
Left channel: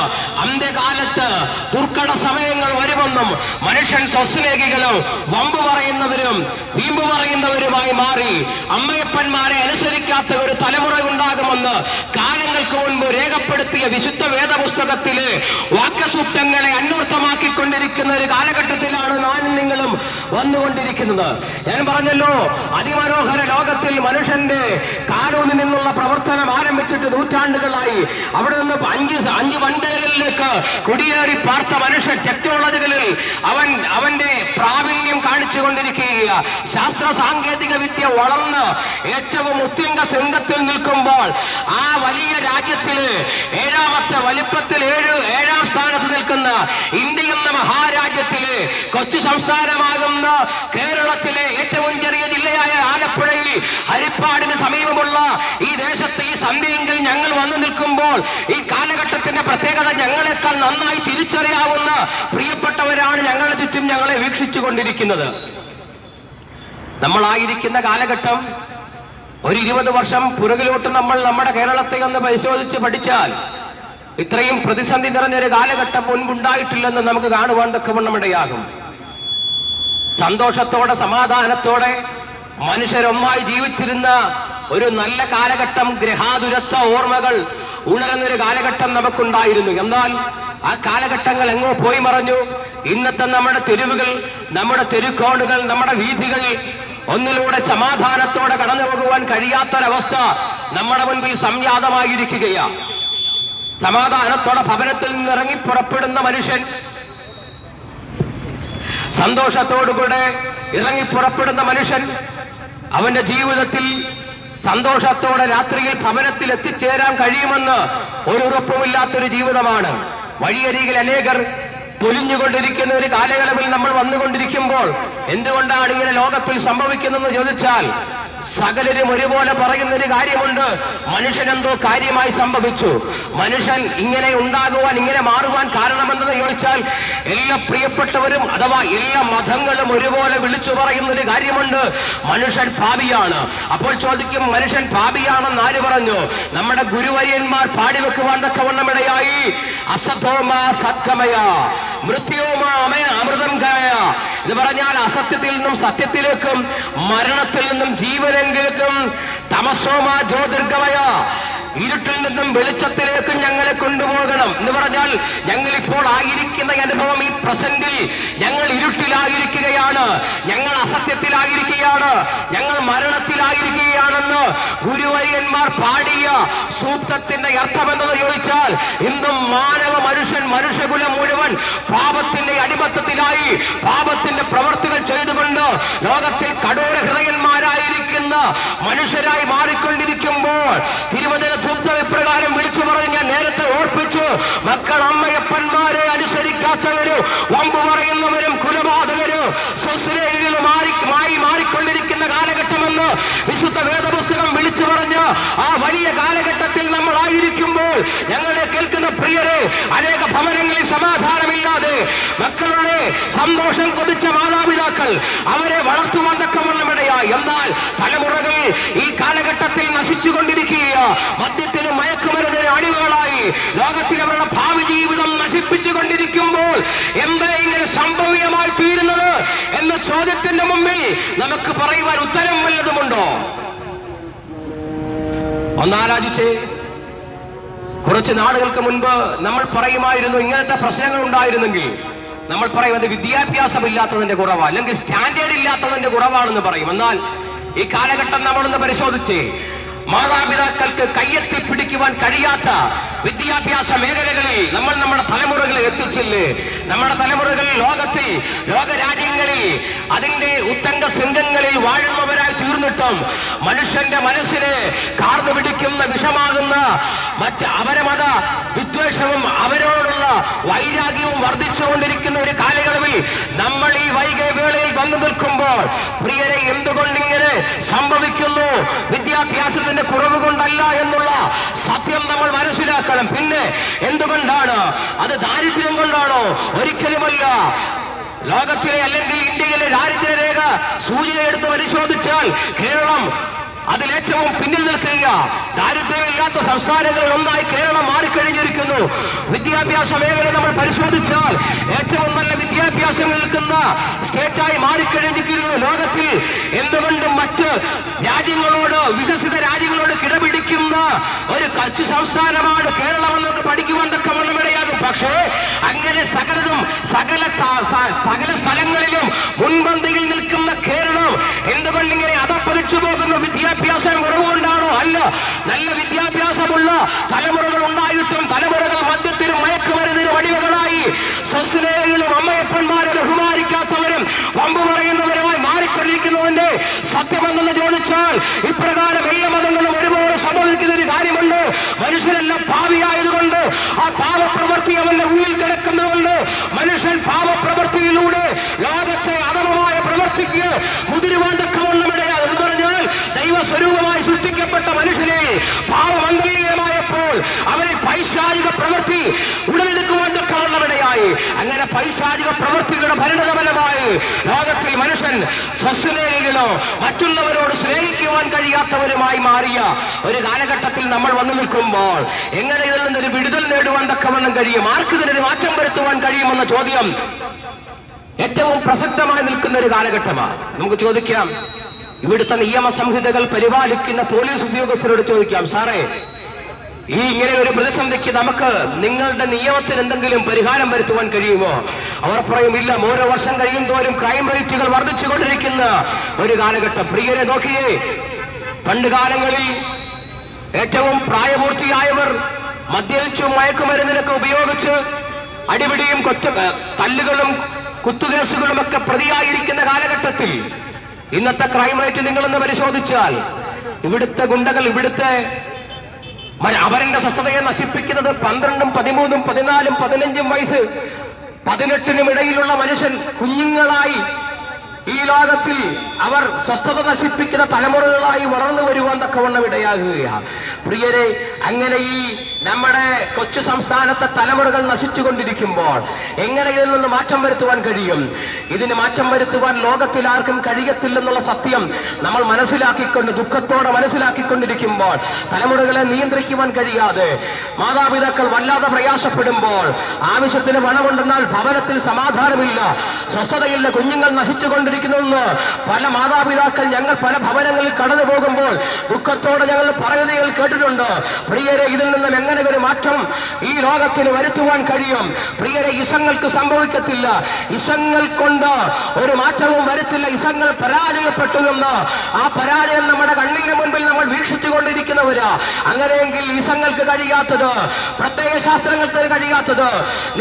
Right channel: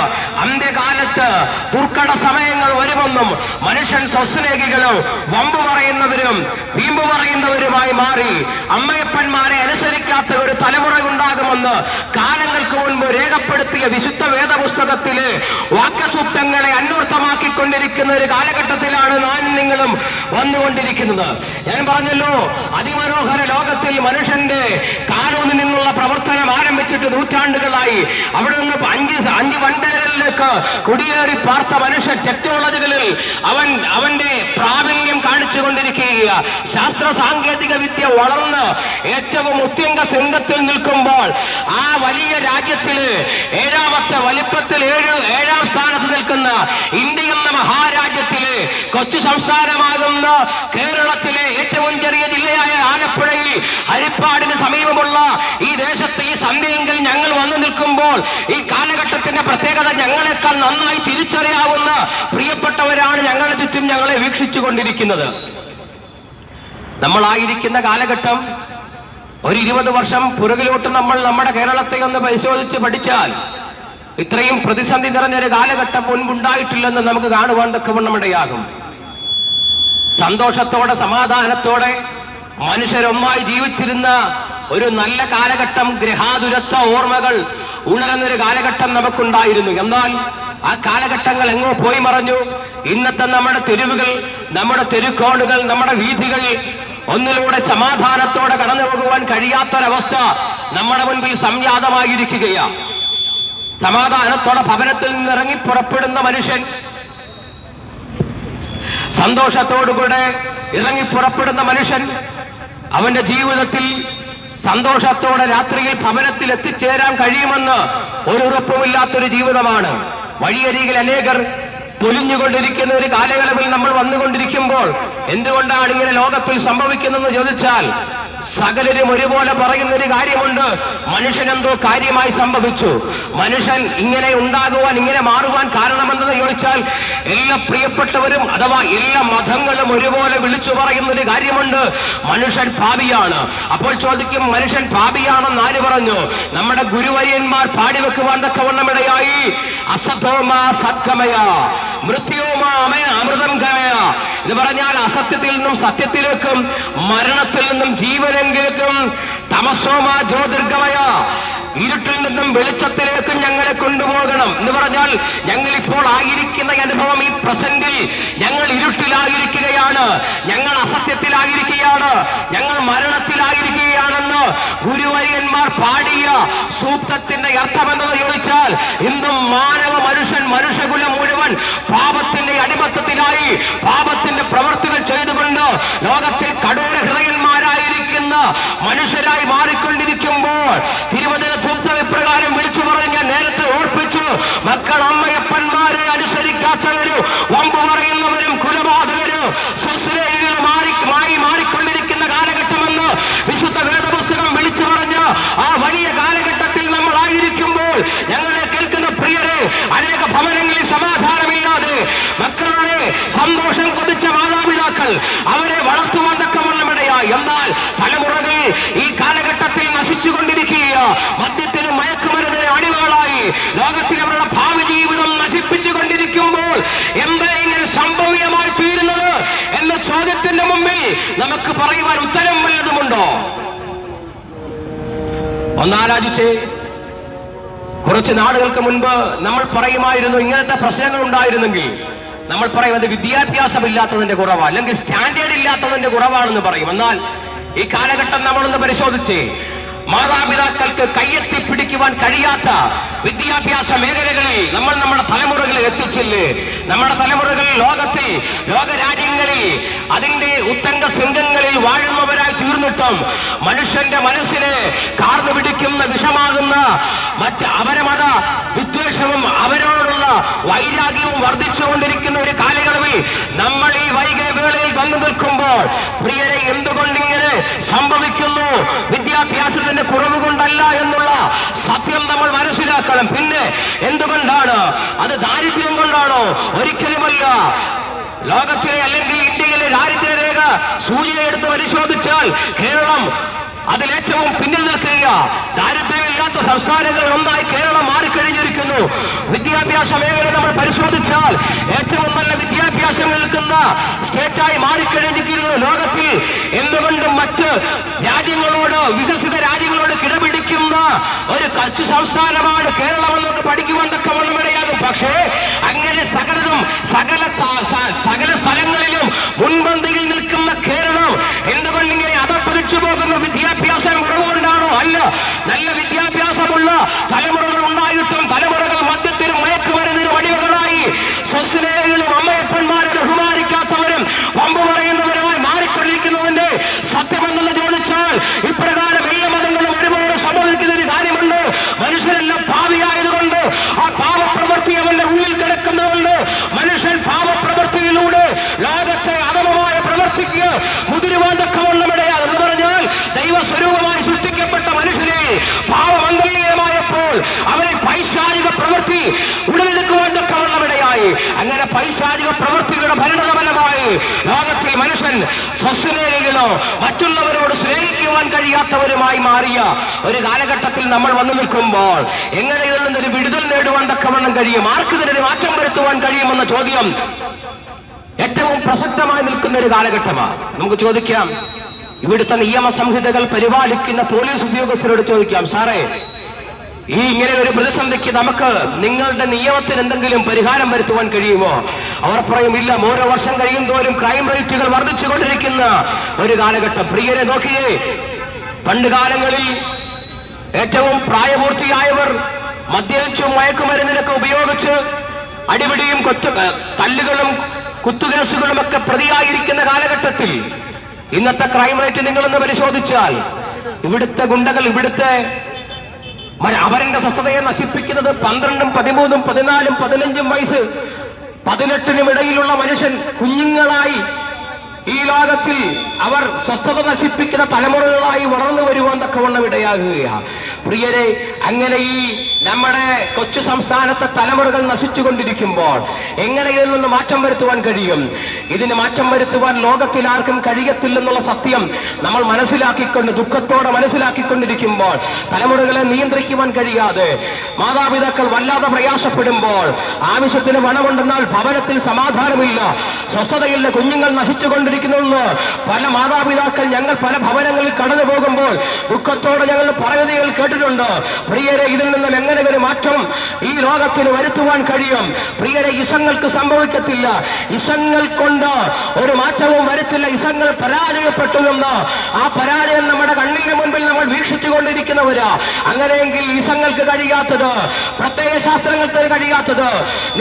അന്ത്യകാലത്ത് ദുർഘട സമയങ്ങൾ വരുമെന്നും മനുഷ്യൻ സ്വസ്നേഹികളും വമ്പ് പറയുന്നവരും വീമ്പ് പറയുന്നവരുമായി മാറി അമ്മയപ്പന്മാരെ അനുസരിക്കാത്ത ഒരു തലമുറ ഉണ്ടാകുമെന്ന് കാലങ്ങൾക്ക് മുൻപ് രേഖപ്പെടുത്തിയ വിശുദ്ധ വേദപുസ്തകത്തിലെ വാക്യസൂക്തങ്ങളെ അന്വർത്ഥമാക്കിക്കൊണ്ടിരിക്കുന്ന ഒരു കാലഘട്ടത്തിലാണ് നാം നിങ്ങളും വന്നുകൊണ്ടിരിക്കുന്നത്. ഞാൻ പറഞ്ഞല്ലോ, അതിമനോഹര ലോകത്തിൽ മനുഷ്യന്റെ കാലൂന്നിൽ നിന്നുള്ള പ്രവർത്തനം ആരംഭിച്ചിട്ട് നൂറ്റാണ്ടുകളായി. അവിടെ നിന്ന് 5 വൻകരകളിലേക്ക് കുടിയേറി പാർത്ത മനുഷ്യൻ ടെക്നോളജികളിൽ അവന്റെ പ്രാവീണ്യം കാണിച്ചുകൊണ്ടിരിക്കുക. ശാസ്ത്ര സാങ്കേതിക വിദ്യ വളർന്ന് ഏറ്റവും ഉത്യംഗ ശൃംഗത്തിൽ നിൽക്കുമ്പോൾ ആ വലിയ രാജ്യത്തില് 7ാമത്തെ വലിപ്പത്തിൽ 7ാം സ്ഥാനത്ത് നിൽക്കുന്ന ഇന്ത്യ എന്ന മഹാരാജ്യത്തില് കൊച്ചു സംസ്ഥാനമാകുന്ന കേരളത്തിലെ ഏറ്റവും ചെറിയ ജില്ലയായ ആലപ്പുഴയിൽ നശിച്ചുകൊണ്ടിരിക്കുന്നത്. നമ്മളായിരിക്കുന്ന കാലഘട്ടം ഒരു 20 വർഷം പുറകിലോട്ട് നമ്മൾ നമ്മുടെ കേരളത്തെ ഒന്ന് പരിശോധിച്ച് പഠിച്ചാൽ ഇത്രയും പ്രതിസന്ധി നിറഞ്ഞൊരു കാലഘട്ടം മുൻപുണ്ടായിട്ടില്ലെന്ന് നമുക്ക് കാണുവാൻ തക്കവണ്ണമിടയാകും. സന്തോഷത്തോടെ സമാധാനത്തോടെ മനുഷ്യരൊന്നായി ജീവിച്ചിരുന്ന ഒരു നല്ല കാലഘട്ടം, ഗ്രഹാതുരത്വ ഓർമ്മകൾ ഉണർന്നൊരു കാലഘട്ടം നമുക്കുണ്ടായിരുന്നു. എന്നാൽ ആ കാലഘട്ടങ്ങൾ എങ്ങോ പോയി മറഞ്ഞു. ഇന്നത്തെ നമ്മുടെ തെരുവുകൾ, നമ്മുടെ തെരുക്കോണുകൾ, നമ്മുടെ വീഥികൾ ഒന്നിലൂടെ സമാധാനത്തോടെ കടന്നു പോകുവാൻ കഴിയാത്തൊരവസ്ഥ നമ്മുടെ മുൻപിൽ സംജാതമായിരിക്കുകയാണ്. സമാധാനത്തോടെ ഭവനത്തിൽ നിന്നിറങ്ങി പുറപ്പെടുന്ന മനുഷ്യൻ, സന്തോഷത്തോടുകൂടെ ഇറങ്ങി പുറപ്പെടുന്ന മനുഷ്യൻ അവന്റെ ജീവിതത്തിൽ സന്തോഷത്തോടെ രാത്രിയിൽ ഭവനത്തിൽ എത്തിച്ചേരാൻ കഴിയുമെന്ന് ഒരു ഉറപ്പുമില്ലാത്തൊരു ജീവിതമാണ്. വഴിയരികിൽ അനേകർ പൊലിഞ്ഞുകൊണ്ടിരിക്കുന്ന ഒരു കാലയളവിൽ നമ്മൾ വന്നുകൊണ്ടിരിക്കുമ്പോൾ എന്തുകൊണ്ടാണ് ഇങ്ങനെ ലോകത്തിൽ സംഭവിക്കുന്നതെന്ന് ചോദിച്ചാൽ സകലരും ഒരുപോലെ പറയുന്ന ഒരു കാര്യമുണ്ട്: മനുഷ്യനെന്തോ കാര്യമായി സംഭവിച്ചു. മനുഷ്യൻ ഇങ്ങനെ ഉണ്ടാകുവാൻ, ഇങ്ങനെ മാറുവാൻ കാരണമെന്തെന്ന് ചോദിച്ചാൽ എല്ലാ പ്രിയപ്പെട്ടവരും അഥവാ എല്ലാ മതങ്ങളും ഒരുപോലെ വിളിച്ചു പറയുന്ന ഒരു കാര്യമുണ്ട്: മനുഷ്യൻ പാപിയാണ്. അപ്പോൾ ചോദിക്കും, മനുഷ്യൻ പാപിയാണെന്ന് ആര് പറഞ്ഞു? നമ്മുടെ ഗുരുവര്യന്മാർ പാടിവെക്കുവാൻ തക്കവണ്ണമിടയായി. അസതോമാ സത്കമയ മൃത്യോമാ അമയ അമൃതം കമയ എന്ന് പറഞ്ഞാൽ അസത്യത്തിൽ നിന്നും സത്യത്തിലേക്കും മരണത്തിൽ നിന്നും ജീവനിലേക്കും തമസോമാ ജ്യോതിർഗമയ ഇരുട്ടിൽ നിന്നും വെളിച്ചത്തിലേക്ക് ഞങ്ങളെ കൊണ്ടുപോകണം എന്ന് പറഞ്ഞാൽ ഞങ്ങൾ ഇപ്പോൾ ആയിരിക്കുന്ന അനുഭവം, ഈ പ്രസന്റിൽ ഞങ്ങൾ ഇരുട്ടിലായിരിക്കുകയാണ്, ഞങ്ങൾ അസത്യത്തിലായിരിക്കുകയാണ്, ഞങ്ങൾ മരണത്തിലായിരിക്കുകയാണെന്ന് ഗുരുവര്യന്മാർ പാടിയ സൂക്തത്തിന്റെ അർത്ഥമെന്തെന്ന് ചോദിച്ചാൽ ഇന്നും മാനവ മനുഷ്യകുലം മുഴുവൻ പാപത്തിന്റെ അടിമത്തത്തിലായി പാപത്തിന്റെ പ്രവർത്തികൾ ചെയ്തുകൊണ്ട് ലോകത്തിൽ കഠോര ഹൃദയന്മാരായിരിക്കുന്ന മനുഷ്യരായി മാറിക്കൊണ്ടിരിക്കുമ്പോൾ തിരുവചന സൂക്തം ഇപ്രകാരം വിളിച്ചു പറഞ്ഞ് ഞാൻ നേരത്തെ ഓർപ്പിച്ചു: മക്കൾ അമ്മയപ്പന്മാരെ അനുസരിക്കാത്തവരും വമ്പു പറയുന്നവരും കുലപാതകരും സ്വസ്നേഹികളുമായി മാറിക്കൊണ്ടിരിക്കുന്ന കാലഘട്ടമെന്ന് വിശുദ്ധ വേദപുസ്തകം വിളിച്ചു പറഞ്ഞ് ആ വലിയ കാലഘട്ടത്തിൽ നമ്മൾ ആയിരിക്കുമ്പോൾ ഞങ്ങളെ കേൾക്കുന്ന പ്രിയരെ, അനേക ഭവനങ്ങളിൽ സമാധാനമില്ലാതെ മക്കളുടെ സന്തോഷം കൊതിച്ച മാതാപിതാക്കൾ അവരെ വളർത്തുവാൻ തക്കവണ്ണമിടയായി. എന്നാൽ തലമുറകൾ ഈ കാലഘട്ടത്തിൽ നശിച്ചുകൊണ്ടിരിക്കുക, മദ്യത്തിനും മയക്കുമരുന്നിനും അടിമകളായി ലോകത്തിൽ അവരുടെ ഭാവി ജീവിതം നശിപ്പിച്ചുകൊണ്ടിരിക്കുമ്പോൾ എന്താ ഇങ്ങനെ സംഭവ്യമായി തീരുന്നത് എന്ന ചോദ്യത്തിന്റെ മുമ്പിൽ നമുക്ക് പറയുവാൻ ഉത്തരം വല്ലതുമുണ്ടോ? ഒന്നാലോചിച്ച് കുറച്ച് നാളുകൾക്ക് മുൻപ് നമ്മൾ പറയുമായിരുന്നു, ഇങ്ങനത്തെ പ്രശ്നങ്ങൾ ഉണ്ടായിരുന്നെങ്കിൽ നമ്മൾ പറയും അത് വിദ്യാഭ്യാസം ഇല്ലാത്തതിന്റെ കുറവാണ്, അല്ലെങ്കിൽ സ്റ്റാൻഡേർഡ് ഇല്ലാത്തതിന്റെ കുറവാണെന്ന് പറയും. എന്നാൽ ഈ കാലഘട്ടം നമ്മളൊന്ന് പരിശോധിച്ച് മാതാപിതാക്കൾക്ക് കയ്യെത്തി പിടിക്കുവാൻ കഴിയാത്ത വിദ്യാഭ്യാസ മേഖലകളിൽ നമ്മൾ നമ്മുടെ തലമുറകളെ എത്തിച്ചില്ലേ? നമ്മുടെ തലമുറകൾ ലോകത്തിൽ ലോകരാജ്യങ്ങളിൽ അതിന്റെ ഉത്തംഗ ശൃംഗങ്ങളിൽ വാഴുന്നവരായി തീർന്നിട്ടും മനുഷ്യന്റെ മനസ്സിനെ കാർന്നു പിടിക്കുന്ന വിഷമാകുന്ന മറ്റ് അപരമത വിദ്വേഷവും അവരോടുള്ള വൈരാഗ്യവും വർദ്ധിച്ചുകൊണ്ടിരിക്കുന്ന ഒരു കാലയളവിൽ നമ്മൾ ഈ വൈകവേളയിൽ വന്നു നിൽക്കുമ്പോൾ പ്രിയരെ, എന്തുകൊണ്ടിങ്ങനെ സംഭവിക്കുന്നു? വിദ്യാഭ്യാസത്തിന്റെ കുറവ് കൊണ്ടല്ല എന്നുള്ള സത്യം നമ്മൾ മനസ്സിലാക്കണം. പിന്നെ എന്തുകൊണ്ടാണ്? അത് ദാരിദ്ര്യം കൊണ്ടാണോ? ഒരിക്കലുമല്ല. ലോകത്തിലെ അല്ലെങ്കിൽ ഇന്ത്യയിലെ ദാരിദ്ര്യരേഖ സൂചികയെടുത്ത് പരിശോധിച്ചാൽ കേരളം അതിലേറ്റവും പിന്നിൽ നിൽക്കുക. ദാരിദ്ര്യമില്ലാത്ത സംസ്ഥാനങ്ങൾ ഒന്നായി കേരളം മാറിക്കഴിഞ്ഞിരിക്കുന്നു. വിദ്യാഭ്യാസ മേഖല നമ്മൾ പരിശോധിച്ചാൽ ഏറ്റവും നല്ല വിദ്യാഭ്യാസം നിൽക്കുന്ന സ്റ്റേറ്റായി മാറിക്കഴിഞ്ഞിരിക്കുന്നു ലോകത്തിൽ. എന്തുകൊണ്ട് മറ്റ് രാജ്യങ്ങളോട്, വികസിത രാജ്യങ്ങളോട് കിടപിടിക്കുന്ന ഒരു കച്ച് സംസ്ഥാനമാണ് കേരളം എന്നൊക്കെ പഠിക്കുവാൻ തക്കവണ്ണമിടയാകും. പക്ഷേ അങ്ങനെ സകല സ്ഥലങ്ങളിലും മുൻപന്തിയിൽ നിൽക്കുന്ന കേരളം എന്തുകൊണ്ടിങ്ങനെ അധപ്പതിച്ചു പോകുന്ന വിദ്യാഭ്യാസം കുറവുകൊണ്ടാണോ? അല്ല. നല്ല വിദ്യാഭ്യാസമുള്ള തലമുറകൾ ഉണ്ടായിട്ടും തലമുറകൾ മദ്യത്തിനും മയക്കുമരുന്നിനും അടിമകളായി സ്വസ്നേഹികളും അമ്മയപ്പന്മാരെ ബഹുമാനിക്കാത്തവരും വമ്പു പറയുന്നവരുമായി മാറിക്കൊണ്ടിരിക്കുന്നതിന്റെ സത്യമെന്ന് ചോദിച്ചാൽ ഇപ്രകാരം എല്ലാ മതങ്ങളും ഒരുപോലെ സംഭവിക്കുന്ന ഒരു കാര്യമുണ്ട്. മനുഷ്യരെല്ലാം പാപിയായതുകൊണ്ട് ആ പാപപ്രവൃത്തി അവന്റെ ഉള്ളിൽ കിടക്കുന്നതുകൊണ്ട് മനുഷ്യൻ പാപപ്രവൃത്തിയിലൂടെ ലോകത്തെ അധമമായ പ്രവൃത്തിക്ക് മുതിരുവാൻ തക്കവണ്ണമിടയാകും. എന്ന് പറഞ്ഞാൽ ദൈവസ്വരൂപമായി സൃഷ്ടിക്കപ്പെട്ട മനുഷ്യനെ പാപമംഗലീയമായപ്പോൾ അവനെ പൈശാചിക പ്രവൃത്തി ഉടലെടുക്കുവാൻ തക്കവണ്ണമിടയായി. അങ്ങനെ പൈശാചിക പ്രവൃത്തികളുടെ പരിണതഫലമായി ലോകത്തെ സ്വസ്നേഹികളോ മറ്റുള്ളവരോട് സ്നേഹിക്കുവാൻ കഴിയാത്തവരുമായി മാറിയ ഒരു കാലഘട്ടത്തിൽ നമ്മൾ വന്നു നിൽക്കുമ്പോൾ എങ്ങനെ ഇതിൽ നിന്നൊരു വിടുതൽ നേടുവാൻ തക്കവണ്ണം കഴിയും, ആർക്കിതിനൊരു മാറ്റം വരുത്തുവാൻ കഴിയുമെന്ന ചോദ്യം ഏറ്റവും പ്രസക്തമായി നിൽക്കുന്ന ഒരു കാലഘട്ടമാണ്. നമുക്ക് ചോദിക്കാം, ഇവിടുത്തെ നിയമസംഹിതകൾ പരിപാലിക്കുന്ന പോലീസ് ഉദ്യോഗസ്ഥരോട് ചോദിക്കാം, സാറേ ഈ ഇങ്ങനെ ഒരു പ്രതിസന്ധിക്ക് നമുക്ക് നിങ്ങളുടെ നിയമത്തിന് എന്തെങ്കിലും പരിഹാരം വരുത്തുവാൻ കഴിയുമോ? അവർ പറയും, ഇല്ല, ഓരോ വർഷം കഴിയും തോറും ക്രൈം റേറ്റുകൾ വർദ്ധിച്ചുകൊണ്ടിരിക്കുന്ന ഒരു കാലഘട്ടം. പ്രിയരെ നോക്കിയേ, പണ്ട് കാലങ്ങളിൽ ഏറ്റവും പ്രായപൂർത്തിയായവർ മദ്യപിച്ചും മയക്കുമരുന്നിനൊക്കെ ഉപയോഗിച്ച് അടിപിടിയും തല്ലുകളും കുത്തുകേസുകളും ഒക്കെ പ്രതിയായിരിക്കുന്ന കാലഘട്ടത്തിൽ ഇന്നത്തെ ക്രൈം റേറ്റ് നിങ്ങളൊന്ന് പരിശോധിച്ചാൽ ഇവിടുത്തെ ഗുണ്ടകൾ അവരുടെ സ്വസ്ഥതയെ നശിപ്പിക്കുന്നത് 12, 13, 14, 15 വയസ്സ് 18 ഇടയിലുള്ള മനുഷ്യൻ കുഞ്ഞുങ്ങളായി ഈ ലോകത്തിൽ അവർ സ്വസ്ഥത നശിപ്പിക്കുന്ന തലമുറകളായി വളർന്നു വരുവാൻ തക്കവണ്ണം ഇടയാകുകയാണ്. പ്രിയരെ, അങ്ങനെ ഈ നമ്മുടെ കൊച്ചു സംസ്ഥാനത്തെ തലമുറകൾ നശിച്ചുകൊണ്ടിരിക്കുമ്പോൾ എങ്ങനെ ഇതിൽ നിന്ന് മാറ്റം വരുത്തുവാൻ കഴിയും? ഇതിന് മാറ്റം വരുത്തുവാൻ ലോകത്തിൽ ആർക്കും കഴിയത്തില്ലെന്നുള്ള സത്യം നമ്മൾ ദുഃഖത്തോടെ മനസ്സിലാക്കിക്കൊണ്ടിരിക്കുമ്പോൾ, തലമുറകളെ നിയന്ത്രിക്കുവാൻ കഴിയാതെ മാതാപിതാക്കൾ വല്ലാതെ പ്രയാസപ്പെടുമ്പോൾ, ആവശ്യത്തിന് പണമുണ്ടെന്നാൽ ഭവനത്തിൽ സമാധാനമില്ല, സ്വസ്ഥതയില്ല, കുഞ്ഞുങ്ങൾ നശിച്ചുകൊണ്ടിരിക്കുന്നു. പല മാതാപിതാക്കൾ ഞങ്ങൾ പല ഭവനങ്ങളിൽ കടന്നു പോകുമ്പോൾ ദുഃഖത്തോടെ ഞങ്ങൾ പറയുന്നതിൽ കേട്ടിട്ടുണ്ട്. പ്രിയരെ, ഇതിൽ നിന്നും എങ്ങനെ ഒരു മാറ്റം ഈ ലോകത്തിന് വരുത്തുവാൻ കഴിയും? പ്രിയരെ, ഇസങ്ങൾക്ക് സംഭവിക്കത്തില്ല, ഇസങ്ങൾ കൊണ്ട് ഒരു മാറ്റവും വരുത്തില്ല. ഇസങ്ങൾ പരാജയപ്പെട്ടു എന്ന് ആ പരാജയം നമ്മുടെ കണ്ണിന് മുമ്പിൽ നമ്മൾ വീക്ഷിച്ചുകൊണ്ടിരിക്കുന്നവരാ. അങ്ങനെയെങ്കിൽ ഇസങ്ങൾക്ക് കഴിയാത്തത്, പ്രത്യയശാസ്ത്രങ്ങൾക്ക് കഴിയാത്തത്,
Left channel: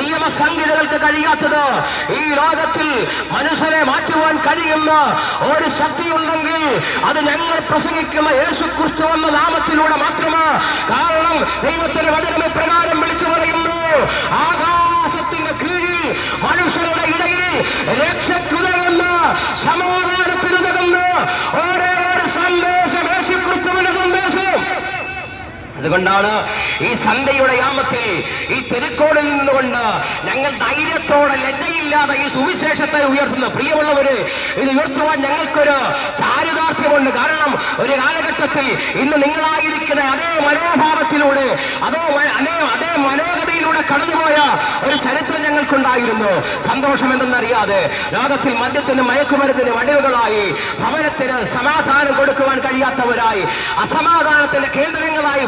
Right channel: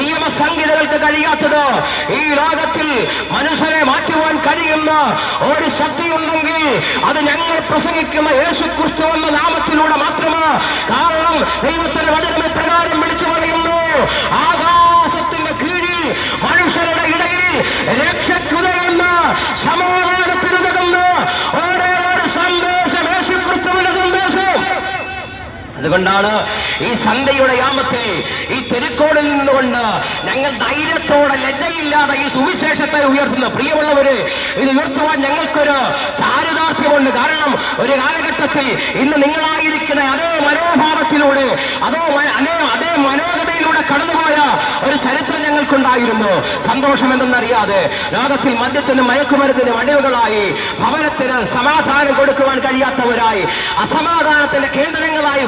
നിയമസംഹിതകൾക്ക് കഴിയാത്തത്, ഈ ലോകത്തിൽ മനുഷ്യരെ മാറ്റുവാൻ കഴിയുന്ന ഒരു ശക്തി ഉണ്ടെങ്കിൽ അത് ഞങ്ങൾ പ്രസംഗിക്കുന്ന യേശുക്രിസ്തു എന്ന നാമത്തിലൂടെ മാത്രമാണ്. കാരണം ദൈവത്തിന്റെ വചനം പ്രകാരം വിളിച്ചു പറയുന്നു, ആകാശത്തിന്റെ കീഴിൽ മനുഷ്യരുടെ ഇടയിൽ രക്ഷയ്ക്കുതകുന്ന സമാധാനത്തിനുതകുന്ന ഒരേ ഒരു സന്ദേശം യേശുക്രിസ്തുവിന്റെ സന്ദേശം. അതുകൊണ്ടാണ് ഈ സന്ധ്യയുടെ യാമത്തിൽ ഈ തെരുക്കോടിൽ നിന്നുകൊണ്ട് ഞങ്ങൾ ധൈര്യത്തോടെ ലജ്ജയില്ലാതെ ഈ സുവിശേഷത്തെ ഉയർത്തുന്നു. പ്രിയമുള്ളവര്, ഇത് ഉയർത്തുവാൻ ഞങ്ങൾക്കൊരു ചാരിതാർത്ഥ്യമുണ്ട്. കാരണം ഒരു കാലഘട്ടത്തിൽ ഇന്ന് നിങ്ങളായിരിക്കുന്ന അതേ മനോഭാവത്തിലൂടെ അതേ മനോഗതിയിലൂടെ കടന്നുപോയ ഒരു ചരിത്രം ഞങ്ങൾക്കുണ്ടായിരുന്നു. സന്തോഷം എന്തെന്നറിയാതെ ലോകത്തിൽ മദ്യത്തിനും മയക്കുമരുന്നിനും അടിവുകളായി, ഭവനത്തിന് സമാധാനം കൊടുക്കുവാൻ കഴിയാത്തവരായി, അസമാധാനത്തിന്റെ കേന്ദ്രങ്ങളായി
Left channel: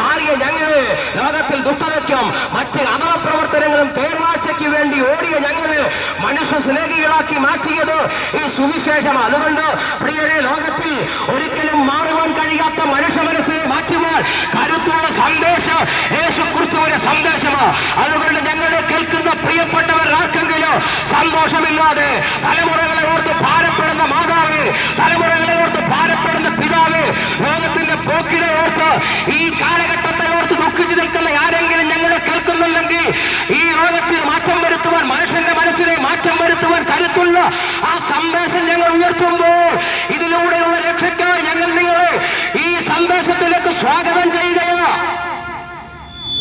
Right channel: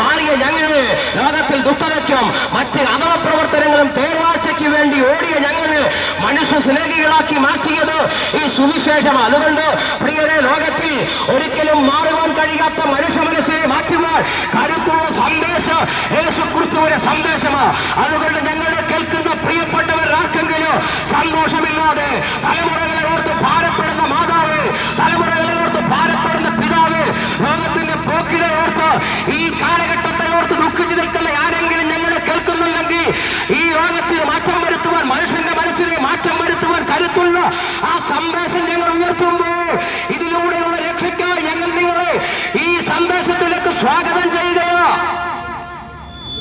മാറിയ ഞങ്ങള് ലോകത്തിൽ ദുഷ്ടതയ്ക്കും മറ്റ് അധമ പ്രവർത്തനങ്ങളും തേർവാഴ്ചയ്ക്ക് വേണ്ടി ഓടിയ ഞങ്ങള് മനുഷ്യ സ്നേഹികളാക്കി മാറ്റിയത് ഈ സുവിശേഷമാണ്. അതുകൊണ്ട് പ്രിയരെ, ലോകത്തിൽ ഒരിക്കലും മാറുവാൻ കഴിയാത്ത മനുഷ്യ മനസ്സിനെ മാറ്റുവാൻ കരുത്തുള്ള സന്ദേശം യേശുക്രിസ്തുവിന്റെ സന്ദേശമാണ്. അതുകൊണ്ട് ഞങ്ങളെ കേൾക്കുന്ന പ്രിയപ്പെട്ടവർ ആർക്കെങ്കിലും സന്തോഷമില്ലാതെ തലമുറകളെ ഓർത്ത് ഭാരപ്പെടുന്ന മാതാവ്, തലമുറകളെ ഓർത്ത് ഭാരപ്പെടുന്ന പിതാവ്, ലോകത്തിന്റെ പോക്കിനെ ഓർത്ത് ഈ കാലഘട്ടത്തെ ഓർത്ത് ദുഃഖിച്ചു നിൽക്കുന്ന ആരെങ്കിലും ഞങ്ങളെ കേൾക്കുന്നുണ്ടെങ്കിൽ ഈ ലോകത്തിൽ മാറ്റം വരുത്തുവാൻ, മനുഷ്യന്റെ മനസ്സിനെ മാറ്റം വരുത്തുവാൻ കരുത്തുള്ള ആ സന്ദേശം ഞങ്ങൾ ഉയർത്തുമ്പോൾ ഇതിലൂടെയുള്ള രക്ഷയ്ക്കായി ഞങ്ങൾ നിങ്ങളെ ഈ സന്ദേശത്തിലേക്ക് സ്വാഗതം ചെയ്യുക.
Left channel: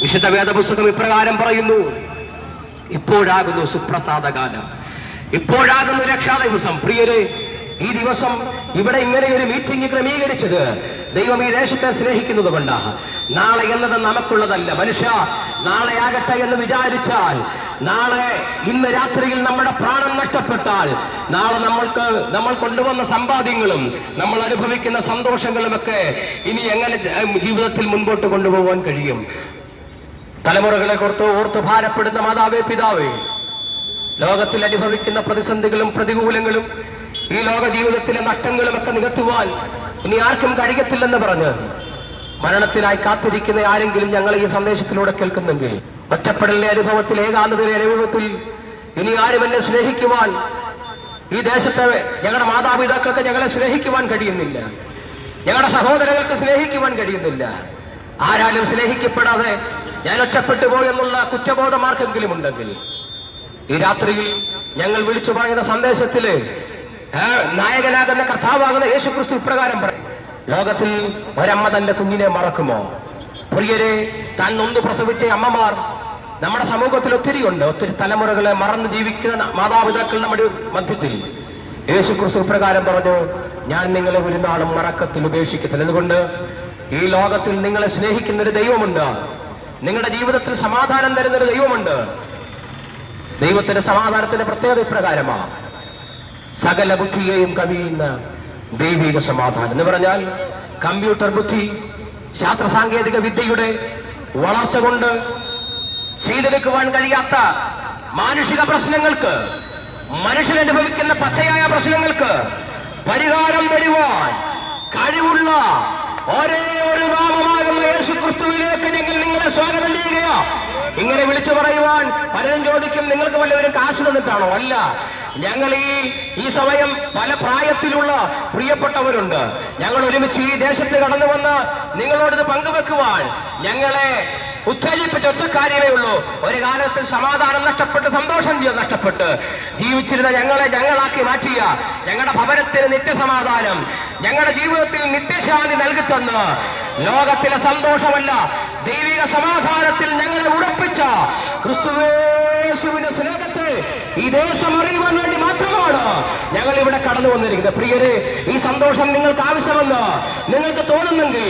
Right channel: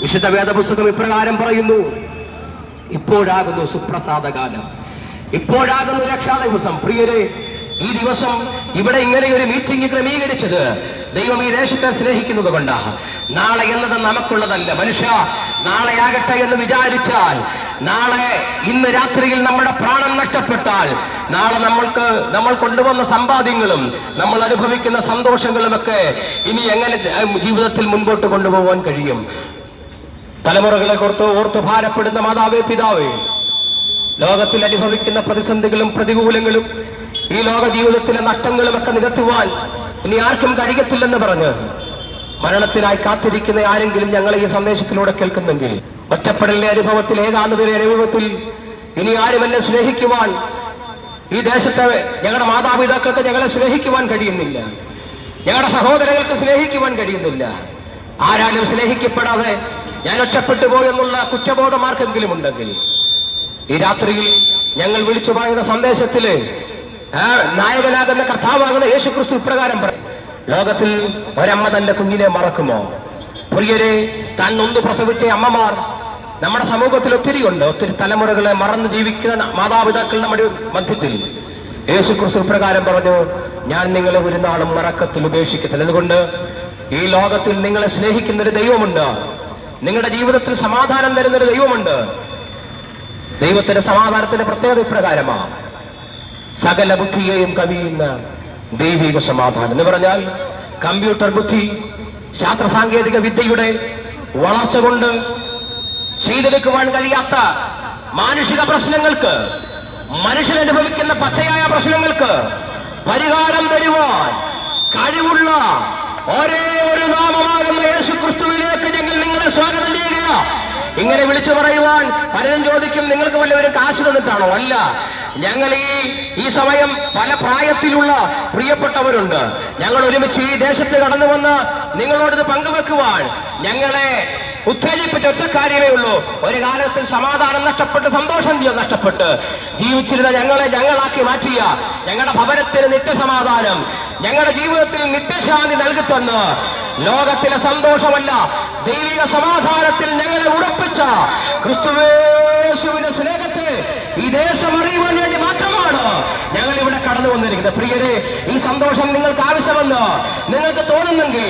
വിശുദ്ധ വേദപുസ്തകം ഇപ്രകാരം പറയുന്നു, ഇപ്പോഴാകുന്നു സുപ്രസാദകാലം, ഇപ്പോഴാകുന്നു രക്ഷാ ദിവസം. പ്രിയരെ, ഈ ദിവസം ഇവിടെ ഇങ്ങനെ ഒരു മീറ്റിംഗ് ക്രമീകരിച്ചത് ദൈവം ഈ ദേശത്തെ സ്നേഹിക്കുന്നത് കൊണ്ടാണ്. നാളെ എന്നത് നമുക്കുള്ളതല്ല. മനുഷ്യ, നാളെയാകട്ടെ എന്ന് വിചാരിച്ചാൽ, ഇന്ന് രാത്രിയിൽ നമ്മുടെ പ്രാണൻ നഷ്ടപ്പെട്ടാൽ, നാളെ നമ്മൾ കൊണ്ടുവന്ന സമ്പാദ്യങ്ങളും നമ്മൾ അനുഭവിക്കുന്ന സന്തോഷങ്ങളുമൊക്കെ ഇനി എങ്ങനെ ജീവിതത്തിൽ മുൻപോട്ട് കൊണ്ടുപോകാൻ കഴിയും? തലമുറകളെ ഓർത്ത് ഭാരപ്പെടുന്ന മാതാവേ, പിതാവേ, ലോകത്തിൽ അനുഭവിക്കുന്ന പ്രതിസന്ധികളും പ്രതികൂലങ്ങളും ഈ ലോക ജീവിതത്തിലെ നഷ്ടങ്ങളുമൊക്കെ നികത്തുവാൻ ഇനി ആർക്കും കഴിയത്തില്ലെന്ന് പറഞ്ഞ് മരണത്തിനായി കാത്തിരിക്കുന്ന ആരെങ്കിലും ഞങ്ങൾ ഈ സന്ദേശത്തിലൂടെ കേൾക്കുന്നെങ്കിൽ, ഒറ്റപ്പെടലിന്റെ അനുഭവത്തിൽ, ഏകാന്തതയുടെ അനുഭവത്തിൽ ഇനി ആരും എന്നെ സ്നേഹിക്കുവാൻ, ഈ ദേശത്തെ ഞങ്ങളുടെ മാതാപിതാക്കൾക്ക് ഞങ്ങളെ സ്നേഹിക്കുവാൻ കഴിയുന്നില്ല, ഞങ്ങളുടെ സഹോദരങ്ങൾക്ക് സ്നേഹിക്കുവാൻ കഴിയുന്നില്ല, ആരാലും സ്നേഹിക്കപ്പെടാതെ ഞാൻ ഒറ്റപ്പെട്ടു പോയെന്നുള്ള കുറ്റബോധം ആർക്കെങ്കിലും ഉണ്ടെങ്കിൽ, ഈ രാത്രിയിൽ ഞങ്ങൾ വിളിച്ചു പറയുന്ന സന്ദേശത്തില് നായകനാകുന്ന കർത്താവാകുന്ന യേശുക്രിസ്തു ഇപ്രകാരം പറയും, ലോകത്തിൽ ഒരമ്മ തന്റെ കുഞ്ഞിനെ മറക്കുമോ? പ്രിയരെ, താൻ നൊന്ത് പ്രസവിച്ച അമ്മമാർ നമ്മുടെ സമൂഹത്തിൽ ഒത്തിരിയുണ്ട്. ഒത്തിരി തലമുറകളെ മറന്ന് ജീവിക്കുന്ന മാതാപിതാക്കൾ നമ്മുടെ മധ്യത്തിൽ. യേശു ക്രിസ്തു പ്രകാരം പറഞ്ഞു, ഞാൻ നിങ്ങളെ ഒരു നാളും മറക്കത്തിൽ ഉപേക്ഷിക്കത്തില്ല. അതുകൊണ്ട് ഈ ലോകത്തിൽ നിങ്ങളെ സ്നേഹിക്കുന്ന ഒരു ദൈവമുണ്ട്. നിങ്ങളുടെ ജീവിതത്തിൽ സമാധാനം തരുന്നൊരു ദൈവമുണ്ട്. ദൈവത്തിന്റെ സമാധാനത്തിന്റെ പ്രത്യേകത ഇപ്രകാരമാണ്: സകല ബുദ്ധിയെയും കവിയുന്ന ദൈവിക സമാധാനം എന്ന് പറഞ്ഞാൽ കമ്പ്യൂട്ടർ ബുദ്ധി, ശാസ്ത്ര സാങ്കേതിക വിദ്യയുടെ വളർച്ച കൊണ്ട് ചെയ്തെടുക്കുവാൻ കഴിയാത്ത മാനുഷിക പ്രശ്നങ്ങൾക്ക്, മനുഷ്യൻ അനുഭവിക്കുന്ന പച്ചയായ പ്രശ്നങ്ങൾക്ക് പരിഹാരം തരുവാൻ കഴിവുള്ള ഒരേ ഒരു നാമമാകുന്ന യേശു ക്രിസ്തുവിലേക്ക് ഞങ്ങൾ നിങ്ങളെ സ്വാഗതം ചെയ്യുക. ഇങ്ങനെ വിളിച്ചു പറയുവാൻ പലരും ചോദിക്കും, നിങ്ങൾക്ക് വല്ലവരും കാശ് തന്നിട്ടാണോ? അല്ല, ഞങ്ങൾ ഈ സമയം പല പ്രായത്തിലുള്ള പ്രിയപ്പെട്ടവരുണ്ട്. ഞങ്ങൾ ഒരുമിച്ച് ഈ ദേശത്ത് കടന്നു വന്ന് നിങ്ങളോട് പങ്കുവെക്കുവാൻ ഞങ്ങളെ ഉത്തേജിപ്പിച്ച ഒറ്റ കാര്യമേ ഉള്ളൂ. ഒരു കാലത്തിൽ സമാധാനം നഷ്ടപ്പെട്ട് സന്തോഷം നഷ്ടപ്പെട്ട് ജീവിച്ചിരുന്ന ഞങ്ങളെ ഞങ്ങളാക്കി മാറ്റിയ ഞങ്ങളുടെ ഭവനത്തിന് നിത്യസമാധാനം, ഞങ്ങളുടെ ജീവിതത്തിൽ നിത്യശാന്തി നൽകി തന്ന് ലോകത്തിലെ സന്തോഷമല്ല ദൈവിക സമാധാനത്തിൽ ഞങ്ങളെ ഉറപ്പിച്ച ക്രിസ്തുവേശുവിന്റെ സ്നേഹത്തെ ഈ ദേശം അറിയുവാൻ വേണ്ടി മാത്രമാണ് ഞങ്ങൾ ഇവിടെ കടന്നു വന്നിരിക്കുന്നത്. പ്രിയരെ, ഈ സന്തോഷം നിങ്ങൾക്ക് ആവശ്യമെന്ന് നിങ്ങൾക്ക് തോന്നുന്നെങ്കിൽ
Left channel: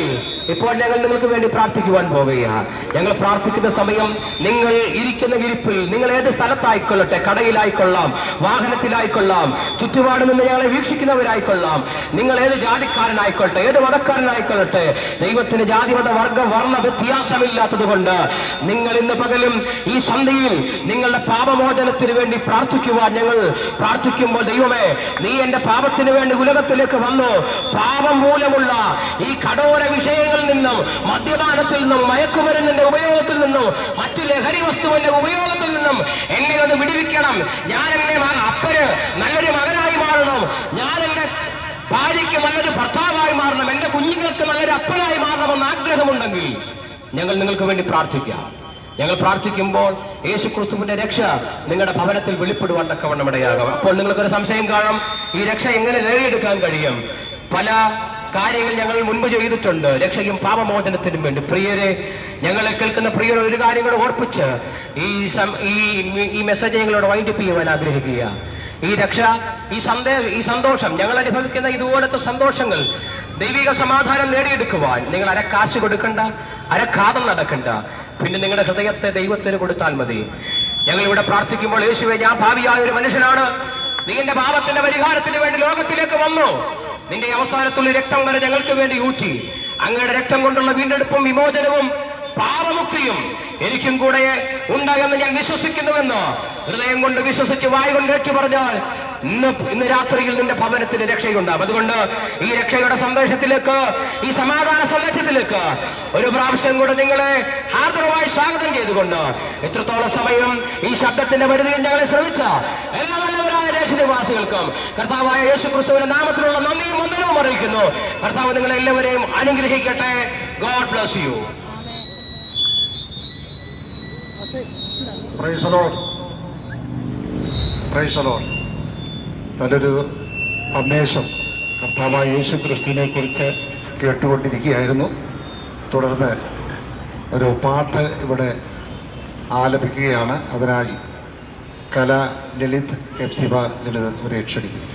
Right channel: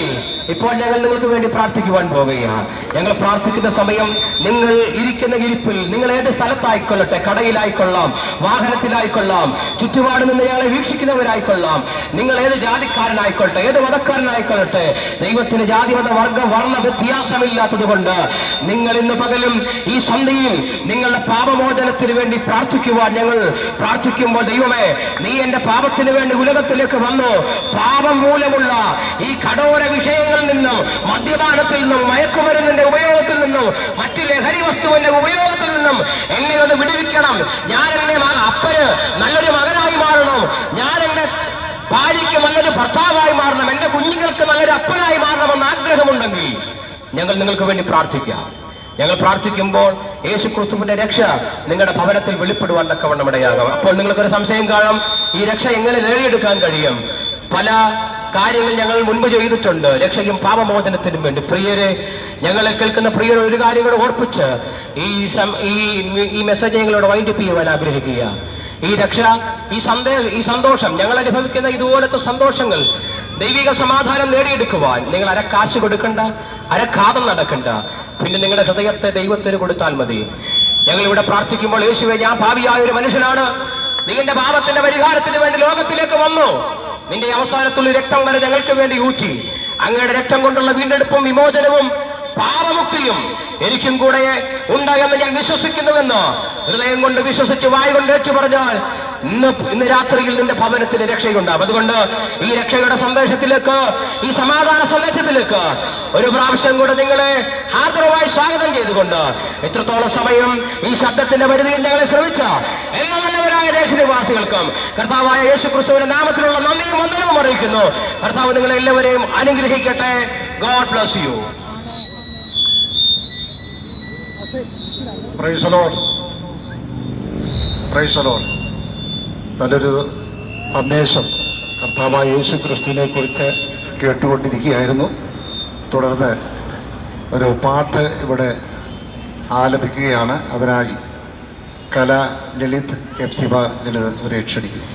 ഇപ്പോൾ ഞങ്ങൾ നിങ്ങൾക്ക് വേണ്ടി പ്രാർത്ഥിക്കുവാൻ പോകുകയാണ്. ഞങ്ങൾ പ്രാർത്ഥിക്കുന്ന സമയം നിങ്ങൾ ഇരിക്കുന്ന ഇരിപ്പിൽ, നിങ്ങൾ ഏത് സ്ഥലത്തായിക്കൊള്ളട്ടെ, കടയിലായിക്കൊള്ളാം, വാഹനത്തിലായിക്കൊള്ളാം, ചുറ്റുപാടും നിന്ന് ഞങ്ങളെ വീക്ഷിക്കുന്നവരായിക്കൊള്ളാം, നിങ്ങൾ ഏത് ജാതിക്കാരനായിക്കൊള്ളട്ടെ, ഏത് മതക്കാരനായിക്കൊള്ളട്ടെ, ദൈവത്തിന് ജാതി മത വർഗ വർണ്ണ വ്യത്യാസമില്ലാത്തത് കൊണ്ട് നിങ്ങൾ ഇന്ന് പകലും ഈ സന്ധ്യയിൽ നിങ്ങളുടെ പാപമോചനത്തിന് വേണ്ടി പ്രാർത്ഥിക്കുവാൻ ഞങ്ങൾ പ്രാർത്ഥിക്കുമ്പോൾ, ദൈവമേ, നീ എന്റെ പാപത്തിന് വേണ്ടി ഉലകത്തിലേക്ക് വന്നു, പാപം മൂലമുള്ള ഈ കഠോര വിഷയങ്ങളിൽ നിന്നും, മദ്യപാനത്തിൽ നിന്നും, മയക്കുമരുന്നിന്റെ ഉപയോഗത്തിൽ നിന്നും, മറ്റു ലഹരി വസ്തുവിന്റെ ഉപയോഗത്തിൽ നിന്നും എന്നെ ഒന്ന് വിടുവിക്കണം. ഞാൻ എന്റെ അപ്പന് നല്ലൊരു മകനായി മാറണം, ഞാൻ എന്റെ ഭാര്യയ്ക്ക് നല്ലൊരു ഭർത്താവായി മാറണം, എന്റെ കുഞ്ഞുങ്ങൾക്ക് നല്ലൊരു അപ്പനായി മാറണമെന്ന് ആഗ്രഹമുണ്ടെങ്കിൽ ഞങ്ങൾ നിങ്ങൾക്ക് വേണ്ടി പ്രാർത്ഥിക്കാം. ഞങ്ങൾ പ്രാർത്ഥിക്കുമ്പോൾ യേശു ക്രിസ്തുവിന്റെ രക്ഷ നിങ്ങളുടെ ഭവനത്തിൽ വെളിപ്പെടുവാൻ തക്കവണ്ണം ഇടയാകും. അപ്പോൾ നിങ്ങൾക്കൊരു സംശയം കാണും, ഈ രക്ഷ എങ്ങനെ നേടിയെടുക്കാൻ കഴിയും? പല കാര്യങ്ങൾ ഞങ്ങൾ മുൻപ് ചെയ്തിട്ടുണ്ട് രക്ഷയും പാപമോചനത്തിനും വേണ്ടി. പ്രിയരെ, ഞങ്ങളെ കേൾക്കുന്ന പ്രിയർ ഒരു കാര്യം കൂടെ ഓർപ്പിച്ച് ഈ മെസ്സേജ് ഞങ്ങളോട് വൈൻഡപ്പ് ചെയ്യുവാൻ ആഗ്രഹിക്കുക. ഈ രക്ഷ, ഈ സന്തോഷം, ഞങ്ങൾ അനുഭവിക്കുന്ന ഇതുപോലത്തെ സന്തോഷങ്ങൾ, ദൈവിക സമാധാനം നേടിയെടുക്കുവാൻ നിങ്ങൾ അരക്കാശ് കൊടുക്കണ്ട, അരക്കാതം നടക്കണ്ട. പിന്നെ നിങ്ങളുടെ ഹൃദയത്തെ ദൈവത്തിന് കൊടുത്താൽ മതി. ഞങ്ങൾ ഇവിടെ പ്രാർത്ഥിക്കുമ്പോൾ, യേശുവേ, ഞാൻ ഭാവിയായ ഒരു മനുഷ്യനാണ്, നിന്റെ പാപത്തിന്റെ പരിഹാരത്തിന് വേണ്ടി ലോകത്തിലേക്ക് വന്നു, നിന്റെ അവസാനത്തുള്ള രക്തം വരെ ഞങ്ങൾക്ക് വേണ്ടി ഊറ്റി, അങ്ങയുടെ രക്തം കൊണ്ടുള്ള വീണ്ടെടുപ്പും വിമോചനവും പാപമുക്തിയും എനിക്കും കൂടെ ഉണ്ട് എന്ന് ഞാൻ വിശ്വസിക്കുന്നുവെന്ന് ഹൃദയം കൊണ്ട് വിശ്വസിച്ച് വായ് കൊണ്ട് ഏറ്റു പറഞ്ഞാൽ ഇന്ന് രാത്രിയിൽ നിന്റെ ഭവനത്തിന് രക്ഷയുണ്ടാവും. അതുകൊണ്ട് ഈ രക്ഷയുടെ സന്ദേശത്തിലേക്ക്, ഈ സമാധാന സന്ദേശത്തിലേക്ക് ഒരു പ്രാവശ്യം കൂടെ നിങ്ങളെ ഹാർദവമായി സ്വാഗതം ചെയ്തുകൊണ്ട്, എത്രത്തോളം സമയം ഈ ശബ്ദത്തിന്റെ പരിധിയിൽ ഞങ്ങളെ ശ്രമിച്ച എല്ലാ നല്ലവരായ ദേശനിവാസികൾക്കും കർത്താവായ യേശു ക്രിസ്തുവിന്റെ നാമത്തിലുള്ള നന്ദിയും വന്ദനവും അറിയിക്കുന്നു. കർത്താവ് നിങ്ങളെ എല്ലാവരെയും അനുഗ്രഹിക്കട്ടെ. God bless you. Praise the Lord. Praise the Lord. നല്ലൊരു സന്ദേശം കർത്താവായ യേശു ക്രിസ്തുവിനെ കുറിച്ച് കേട്ടുകൊണ്ടിരിക്കുകയായിരുന്നു. തുടർന്ന് ഒരു പാട്ട് ഇവിടെ ആലപിക്കുകയാണ്. അതിനായി കല ലളിത് എപ്സിബ ലളിത് ഇവരെ ക്ഷണിക്കുന്നു.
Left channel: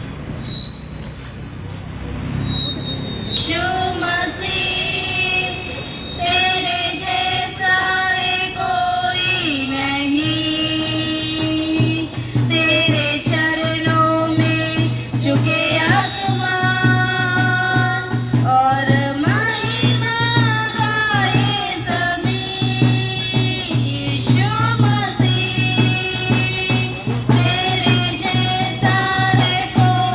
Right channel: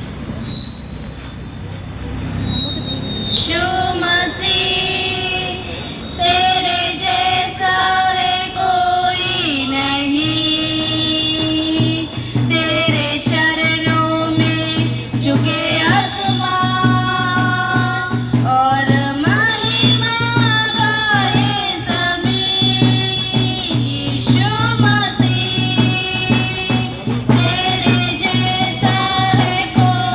को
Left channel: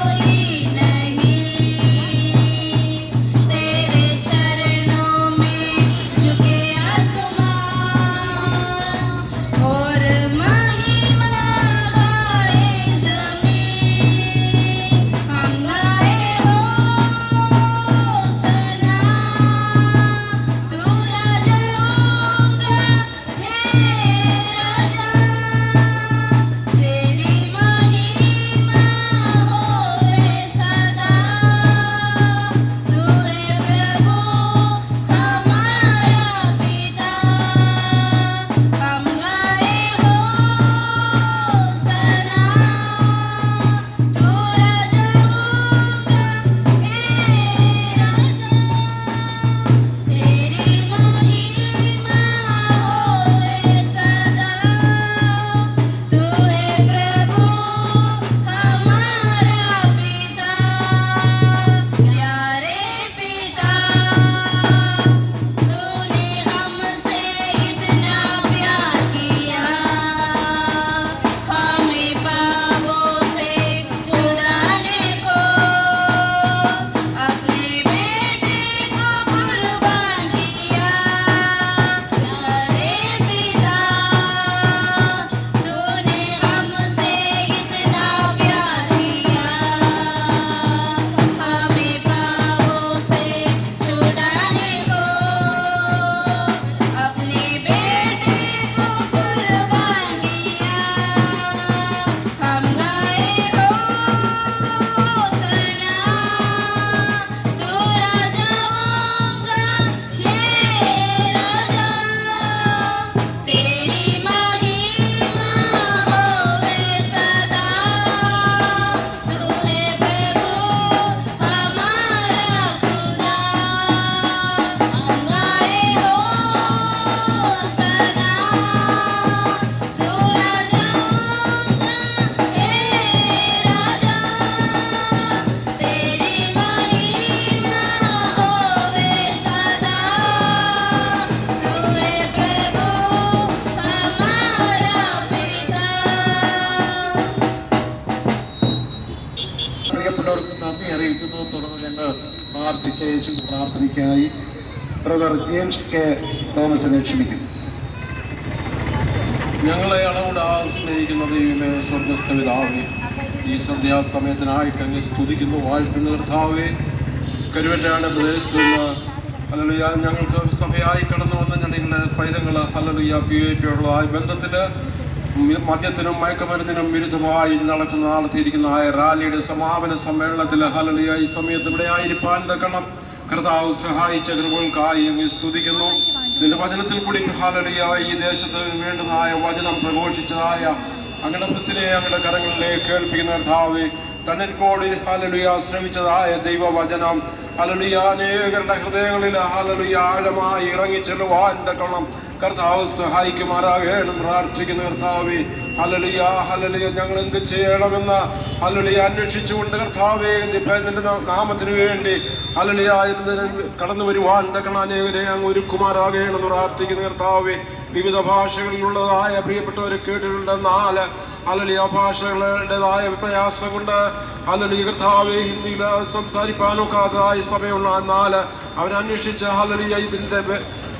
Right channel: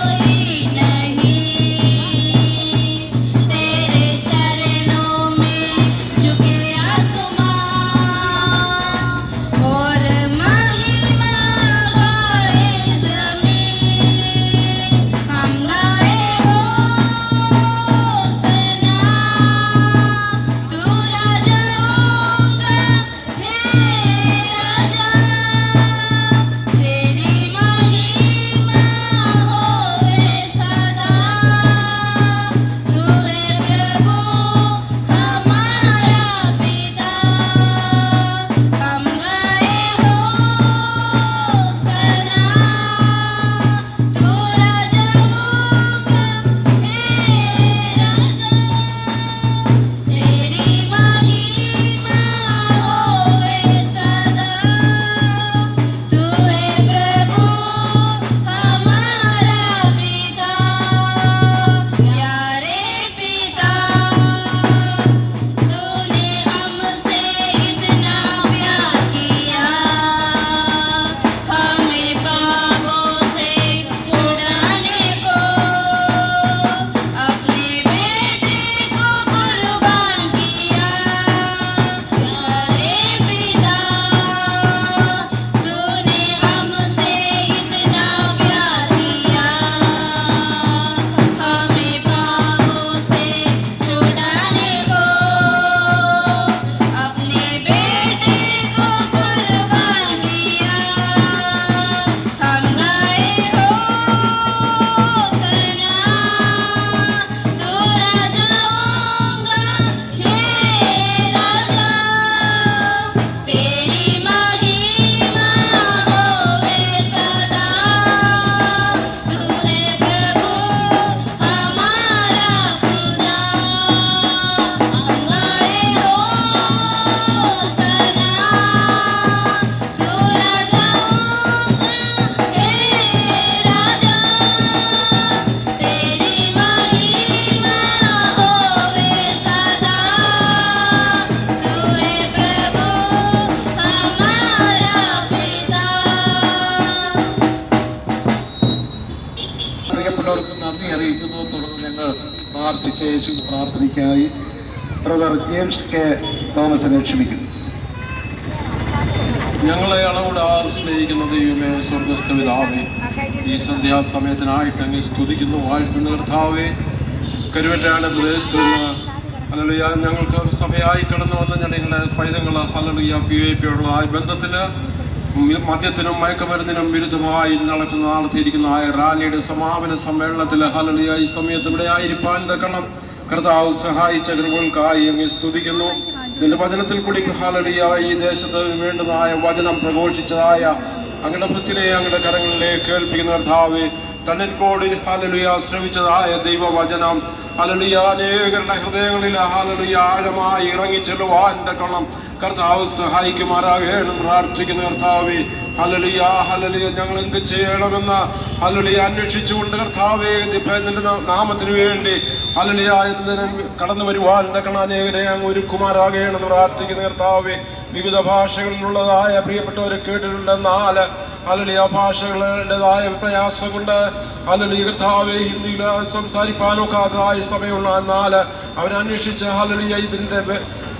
യേശു പ്രാർത്ഥനയ്ക്കായി ബ്രദർ ജെയിംസ് കെ തോമസിനെ ക്ഷണിക്കുന്നു. ഞങ്ങളെ അളവിടാതെ സ്നേഹിക്കുന്ന ദൈവമേ, സ്വർഗസ്ഥ പിതാവേ, ഈ സന്ധ്യാസമയത്തിനായിട്ട് അങ്ങ് സ്തുതിക്കുന്നു, വാഴ്ത്തുന്ന കർത്താവേ. കരുവറ്റാട് പ്രദേശത്തുനിന്ന് ഹല്ലേലൂയ ഞങ്ങൾക്ക് സഭയായി കടന്നു വന്ന ഞങ്ങളുടെ പൈതങ്ങൾ ഹല്ലേലൂയ PAP-യുള്ള ബന്ധത്തിൽ മദ്യത്തിനും മയക്കുമരുന്നിനും വിരുദ്ധമായി നടത്തിയിരിക്കുന്ന റാലിയുടെ സമാപന സമ്മേളനത്തിൽ ഹല്ലേലൂയ ഈ സമയത്ത് ഇവിടെ ആയിരിക്കാൻ തക്കണം കർത്താവ് സഹായിച്ച കൃപകൾക്കായി അങ്ങ് സ്തുതിക്കുന്നു. നിന്റെ വചനത്തിൽ കൂടി ഹല്ലേലൂയ ഈ ദേശത്ത് വേണ്ടതായ വചനം പ്രഘോഷിച്ചതായ അങ്ങയുടെ ഭൃത്തിനെ അങ്ങയുടെ കരങ്ങളിലേക്ക് കേൾപ്പിക്കുന്ന കർത്താവേ, തന്നിൽ കൂടി ഹല്ലേലൂയ ശ്രമിച്ചതായ ദൈവവചനം ഹല്ലേലൂയ അനേകരുടെ ഹൃദയങ്ങളിൽ ഹല്ലേലൂയ ആഴമായി ഇറങ്ങിച്ചെല്ലുവാൻ തക്കണം കർത്താവ് സഹായിക്കുമാറാകണം പ്രാർത്ഥിക്കുന്ന കർത്താവേ. ഹല്ലേലൂയ ഹല്ലേലൂയ ഞങ്ങൾ എന്ത് ചെയ്യണമെന്ന് ഹല്ലേലൂയ അന്വേഷിച്ചുകൊണ്ട് കർത്താവേ നിന്റെ നാമത്തിന് വേണ്ടി ഹല്ലേലൂയ കടന്നു വരുവാൻ തക്കണം അനേകരെ അങ്ങ് ഒരുക്കുമാറാകണം പ്രാർത്ഥിക്കുന്ന കർത്താവേ. വിവിധ ഭാഷകളിലുള്ളതായ പ്രിയപ്പെട്ടവരെ കേട്ടിട്ടുണ്ട്. 4 ഹല്ലേലൂയ ഭാഷകളുടേതായ പ്രയാസം കൊണ്ട് ഹല്ലേലൂയ കർത്താവേ ഹിന്ദിയിൽ സംസാരിക്കാനൊക്കാതായ സഭയുള്ള 4 അവരന്വേഷിച്ച് ഹല്ലേലൂയ ഇതിന്റെ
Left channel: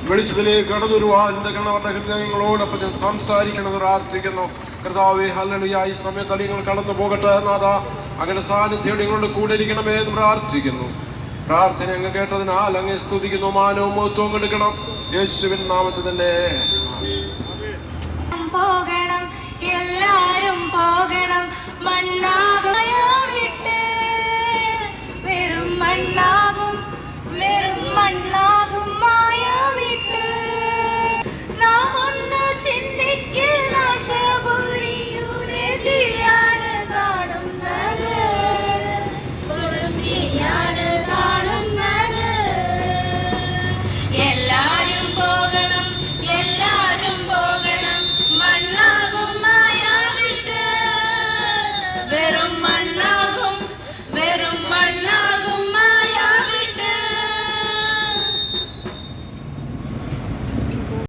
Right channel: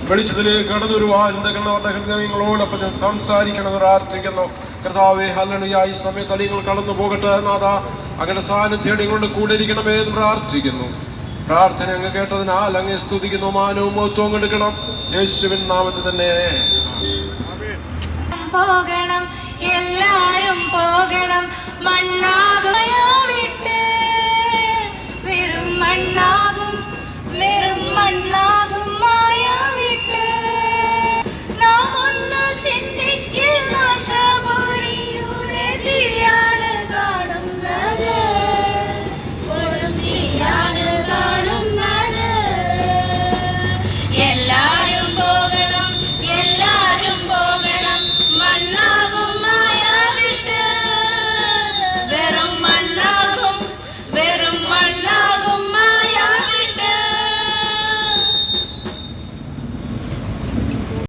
വെളിച്ചത്തിലേക്ക് കടന്നു വരുവാൻ അവരുടെ ഹൃദയങ്ങളോടൊപ്പം ഞാൻ സംസാരിക്കണം പ്രാർത്ഥിക്കുന്നു കർത്താവേ. ഹല്ലേലൂയ ഈ സമയത്ത് നിങ്ങൾ കടന്നു പോകട്ടെ നാഥാ, അങ്ങനെ സാന്നിധ്യം നിങ്ങളുടെ കൂടെ ഇരിക്കണമേ എന്ന് പ്രാർത്ഥിക്കുന്നു. പ്രാർത്ഥന അങ്ങ് കേട്ടതിനാൽ അങ്ങ് സ്തുതിക്കുന്നു, മാനവും മഹത്വവും എടുക്കണം യേശുവിൻ നാമത്തിൽ തന്നെ. പോകണം എല്ലാരും പോകണം മണ്ണാ